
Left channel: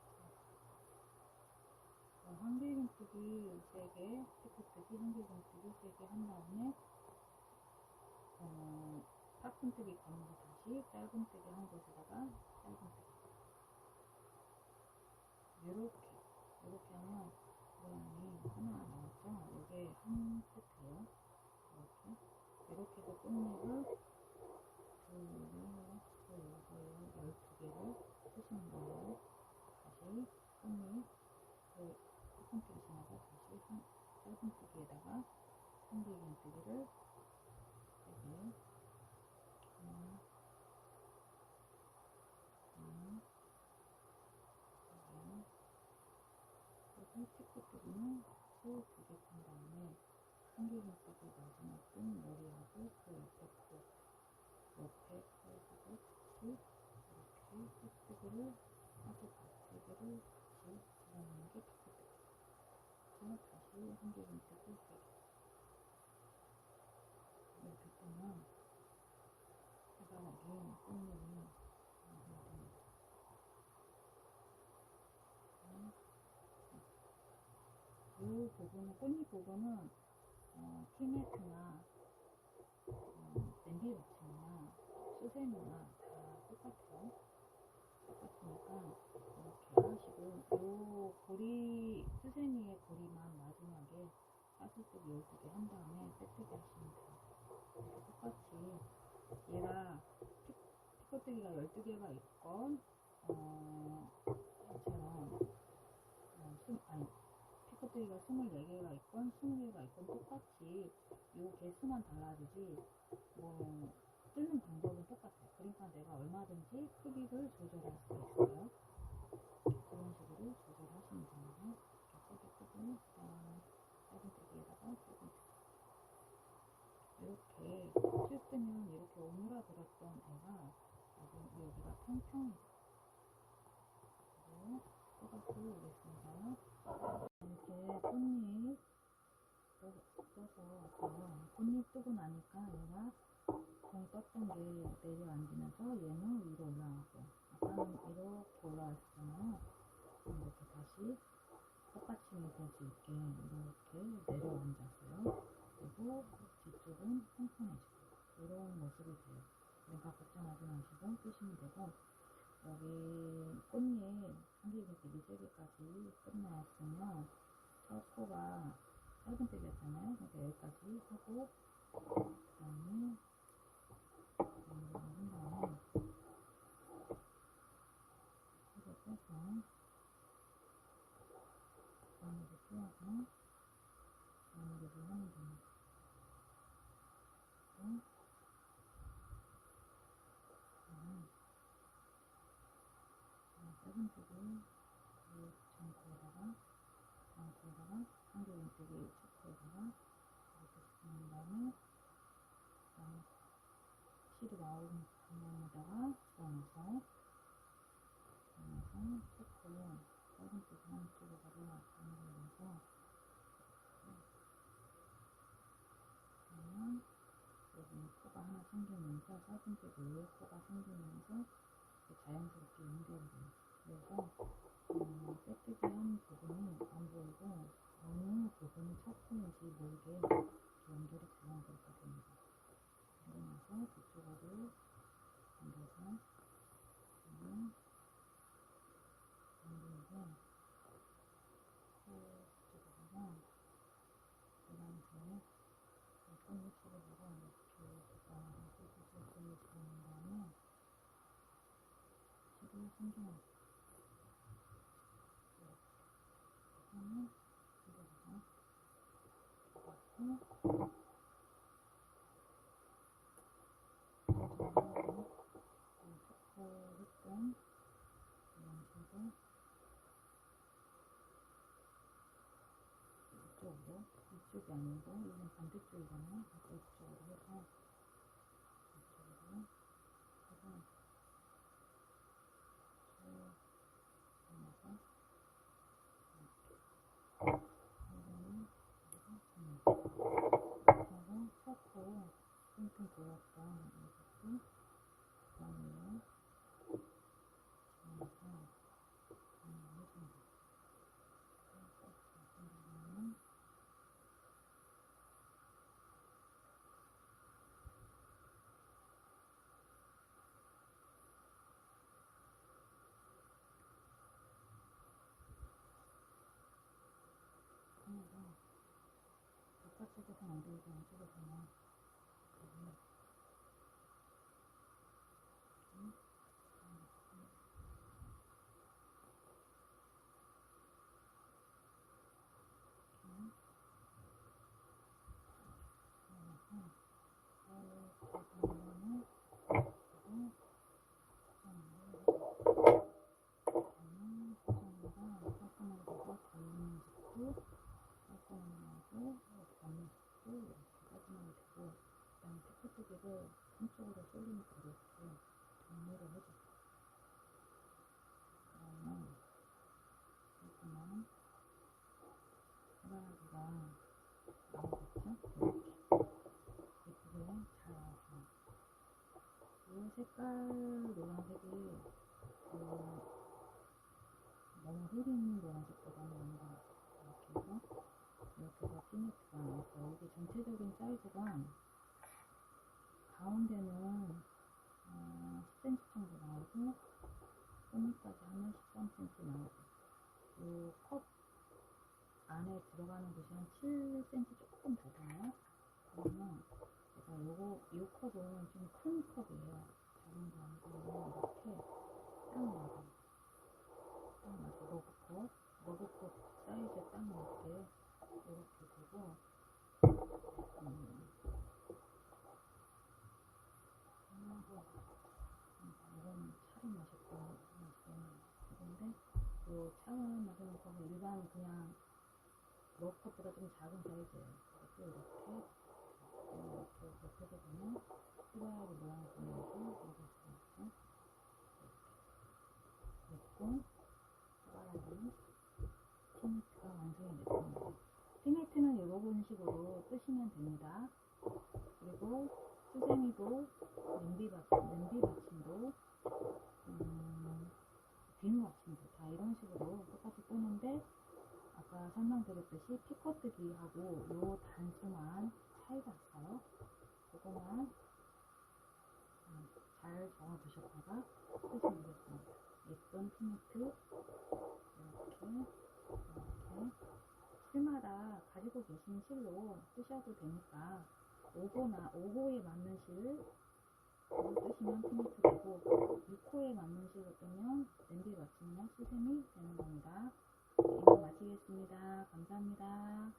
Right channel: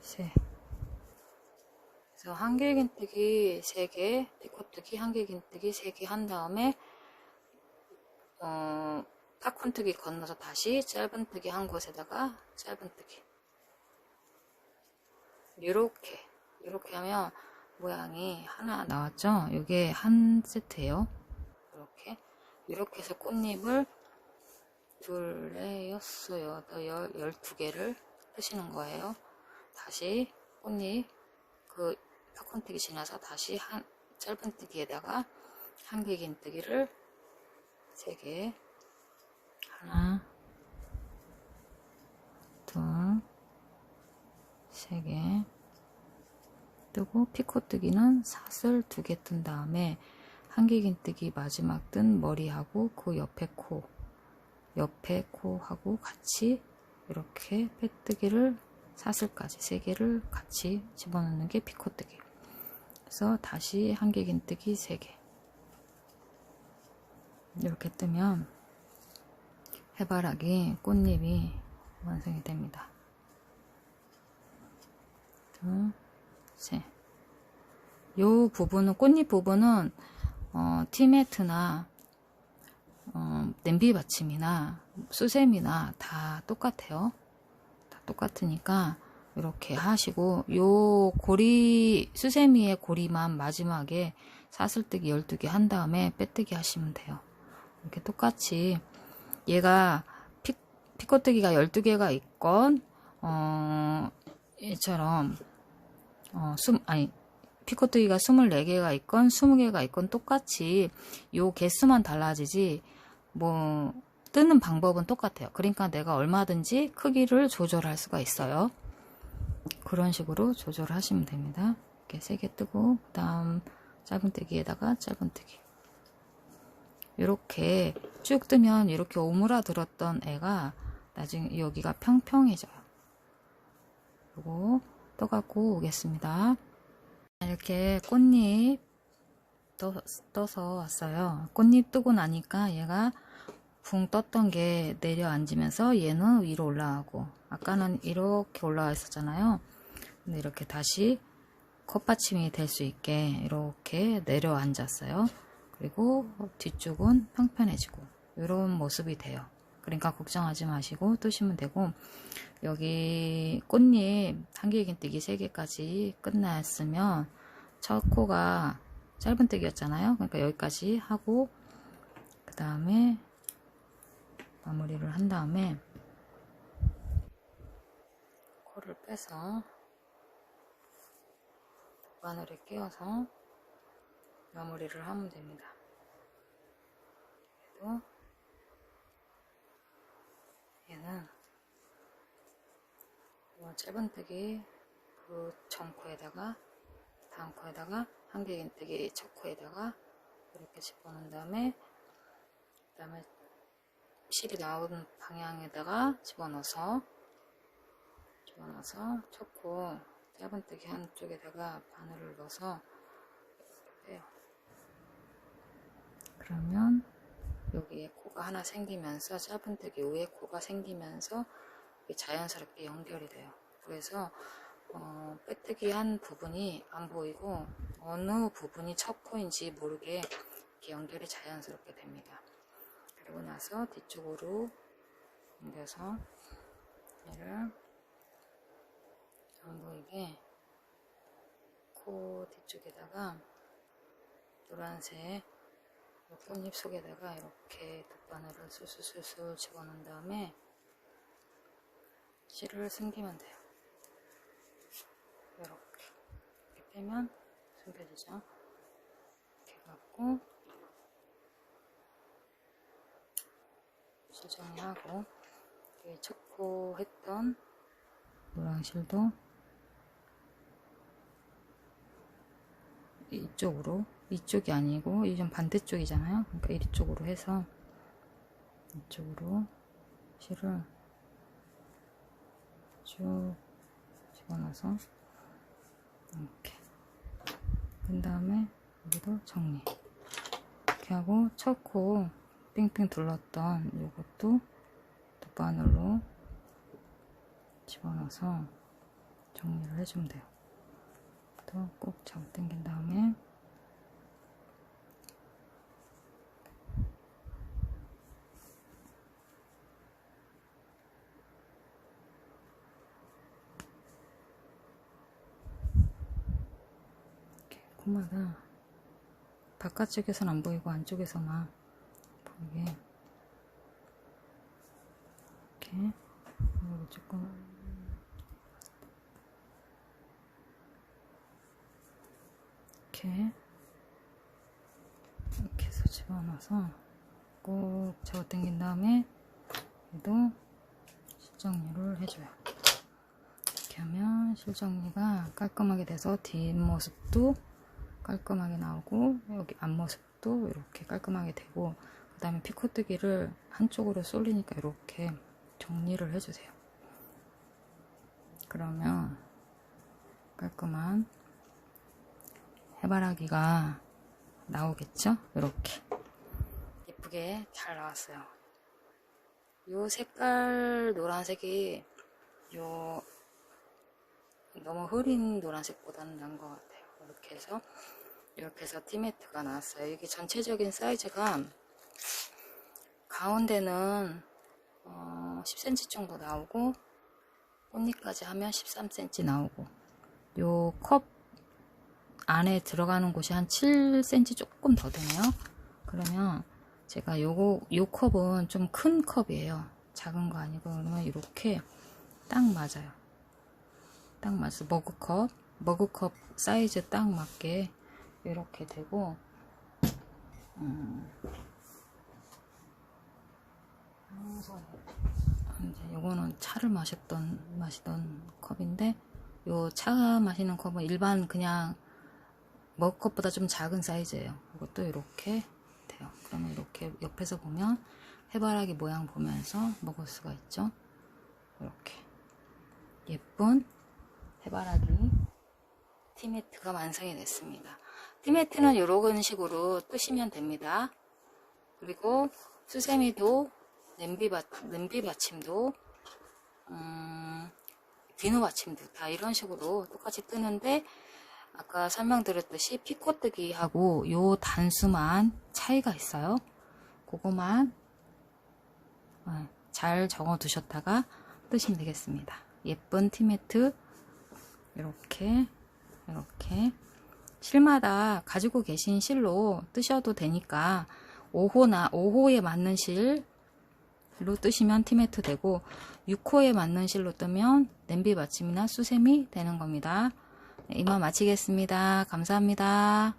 셋. 그래서 한길 긴뜨기 3개, 피코뜨기 한길 긴뜨기 3개 한 다음에 팝콘뜨기 건너서 다시 짧은뜨기 한 곳에다가 짧은뜨기. 이렇게 하면 모양이 하나 나왔죠? 이게 한 세트예요. 이렇게 해서 꽃잎을 2, 4, 6, 8, 12개를 뜨시는 거예요. 다시 꽃잎 그 팝콘뜨기 지나서 다시 짧은뜨기에다가 한길긴뜨기를 3개, 하나, 둘, 3개 뜨고, 피코뜨기는 사슬 2개 뜬 다음에 한길긴뜨기 마지막 뜬 머리하고 그 옆에 코하고 같이 이렇게 빼뜨기를 사슬까지 3개를 같이 집어넣는 게 피코뜨기. 그래서 다시 한길긴뜨기 3개 이렇게 뜨면 해바라기 꽃잎이 완성이 됩니다. 둘, 셋. 요 부분은, 꽃잎 부분은 티매트나 냄비 받침이나 수세미나 다 똑같아요. 다 똑같으니까 이렇게 하시고, 요 고리, 수세미의 고리만 마지막에 사슬뜨기 12개 한 다음에 빼뜨기 하시면 돼요. 이렇게 똑같이 얘가 피코뜨기가 12개가 있건 얘처럼 피코뜨기가 24개가 있건 20개가 있건 똑같이 요 개수만 달라지지 뭐 뜨는 방법은 똑같아요. 그러니까 내가 얼마든지 크기를 조절할 수가 있어요. 그런 식으로 조절하시면 됩니다. 이렇게 3개 뜨고, 그 다음 짧은뜨기에다가 짧은뜨기 이렇게 쭉 뜨면 이렇게 오므라들었던 애가 나중에 여기가 평평해져요. 그리고 떠갖고 오겠습니다. 이렇게 꽃잎 떠서 왔어요. 꽃잎 뜨고 나니까 얘가 붕 떴던 게 내려앉으면서 얘는 위로 올라가고, 아까는 이렇게 올라와 있었잖아요. 근데 이렇게 다시 컵받침이 될 수 있게 이렇게 내려앉았어요. 그리고 뒤쪽은 평평해지고 이런 모습이 돼요. 그러니까 걱정하지 마시고 뜨시면 되고, 여기 꽃잎 한길긴뜨기 3개까지 끝났으면 첫 코가 짧은뜨기였잖아요. 그러니까 여기까지 하고, 그 다음에 마무리를 한 다음에 코를 빼서 바늘에 끼워서 마무리를 하면 됩니다. 그래도 얘는 짧은뜨기 그 전 코에다가 다음 코에다가 한길긴뜨기 첫 코에다가 이렇게 집어넣은 다음에, 그 다음에 실이 나오는 방향에다가 집어넣어서 첫 코 짧은뜨기 한쪽에다가 바늘을 넣어서 해요. 그러면 여기에 코가 하나 생기면서 짧은뜨기 위에 코가 생기면서 자연스럽게 연결이 돼요. 그래서 빼뜨기 한 부분이 안 보이고 어느 부분이 첫 코인지 모르게 이렇게 연결이 자연스럽게 됩니다. 그리고 나서 뒤쪽으로 옮겨서 얘를 안 보이게 코 뒤쪽에다가 노란색 꽃잎 속에다가 이렇게 돗바늘을 술술 집어넣은 다음에 실을 숨기면 돼요. 이렇게 빼면 숨겨지죠. 이렇게 갖고 실 정리하고, 첫 코 했던 노란 실도 이쪽으로, 이쪽이 아니고 이좀 반대쪽이잖아요. 그러니까 이쪽으로 해서 이쪽으로 실을 쭉 집어넣어서 이렇게 그 다음에 여기도 정리 이렇게 하고, 첫 코 빙빙 둘렀던 이것도 돗바늘로 집어넣어서 정리를 해주면 돼요. 또 꼭 잡아 당긴 다음에 이렇게 코마다 바깥쪽에서는 안 보이고 안쪽에서만 보이게 이렇게, 그리고 조금 이렇게 집어넣어서 꼭 잡아 당긴 다음에 얘도 실정리를 해줘요. 이렇게 하면 실정리가 깔끔하게 돼서 뒷모습도 깔끔하게 나오고 여기 앞모습도 이렇게 깔끔하게 되고, 그 다음에 피코뜨기를 한쪽으로 쏠리니까 이렇게 정리를 해주세요. 그러면 깔끔한 해바라기가 나오겠죠? 이렇게 예쁘게 잘 나왔어요. 요 색깔 노란색이 요 너무 흐린 노란색보다는 나은 것 같아요. 이렇게 해서 티매트가 나왔어요. 이게 전체적인 사이즈가 가운데는 10cm 정도 나오고 꽃잎까지 하면 13cm 나오고, 요 컵 안에 들어가는 곳이 한 7cm 조금 더 되네요. 그러면 제가 요 컵은 좀 큰 컵이에요. 작은 거 아니고, 그러면 이렇게 딱 맞아요. 딱 맞아서 머그컵 사이즈 딱 맞게 이렇게 되고, 이제 요거는 차를 마시던 컵인데, 요 차 마시는 컵은 일반 그냥 머그컵보다 좀 작은 사이즈예요. 이것도 이렇게 돼요. 그러면 이렇게 옆에서 보면 해바라기 모양 보면서 먹을 수가 있죠. 이렇게 예쁜 해바라기 티매트가 완성이 됐습니다. 티매트는 이런 식으로 뜨시면 됩니다. 그리고 수세미도 냄비 받침도 비누 받침도 다 이런 식으로 똑같이 뜨는데, 아까 설명드렸듯이 피코뜨기하고 요 단수만 차이가 있어요. 그거만 잘 적어 두셨다가 뜨시면 되겠습니다. 예쁜 티매트 이렇게 실마다 가지고 계신 실로 뜨셔도 되니까 5호에 맞는 실로 뜨시면 티매트 되고, 6호에 맞는 실로 뜨면 냄비 받침이나 수세미 되는 겁니다. 이만 마치겠습니다. 감사합니다.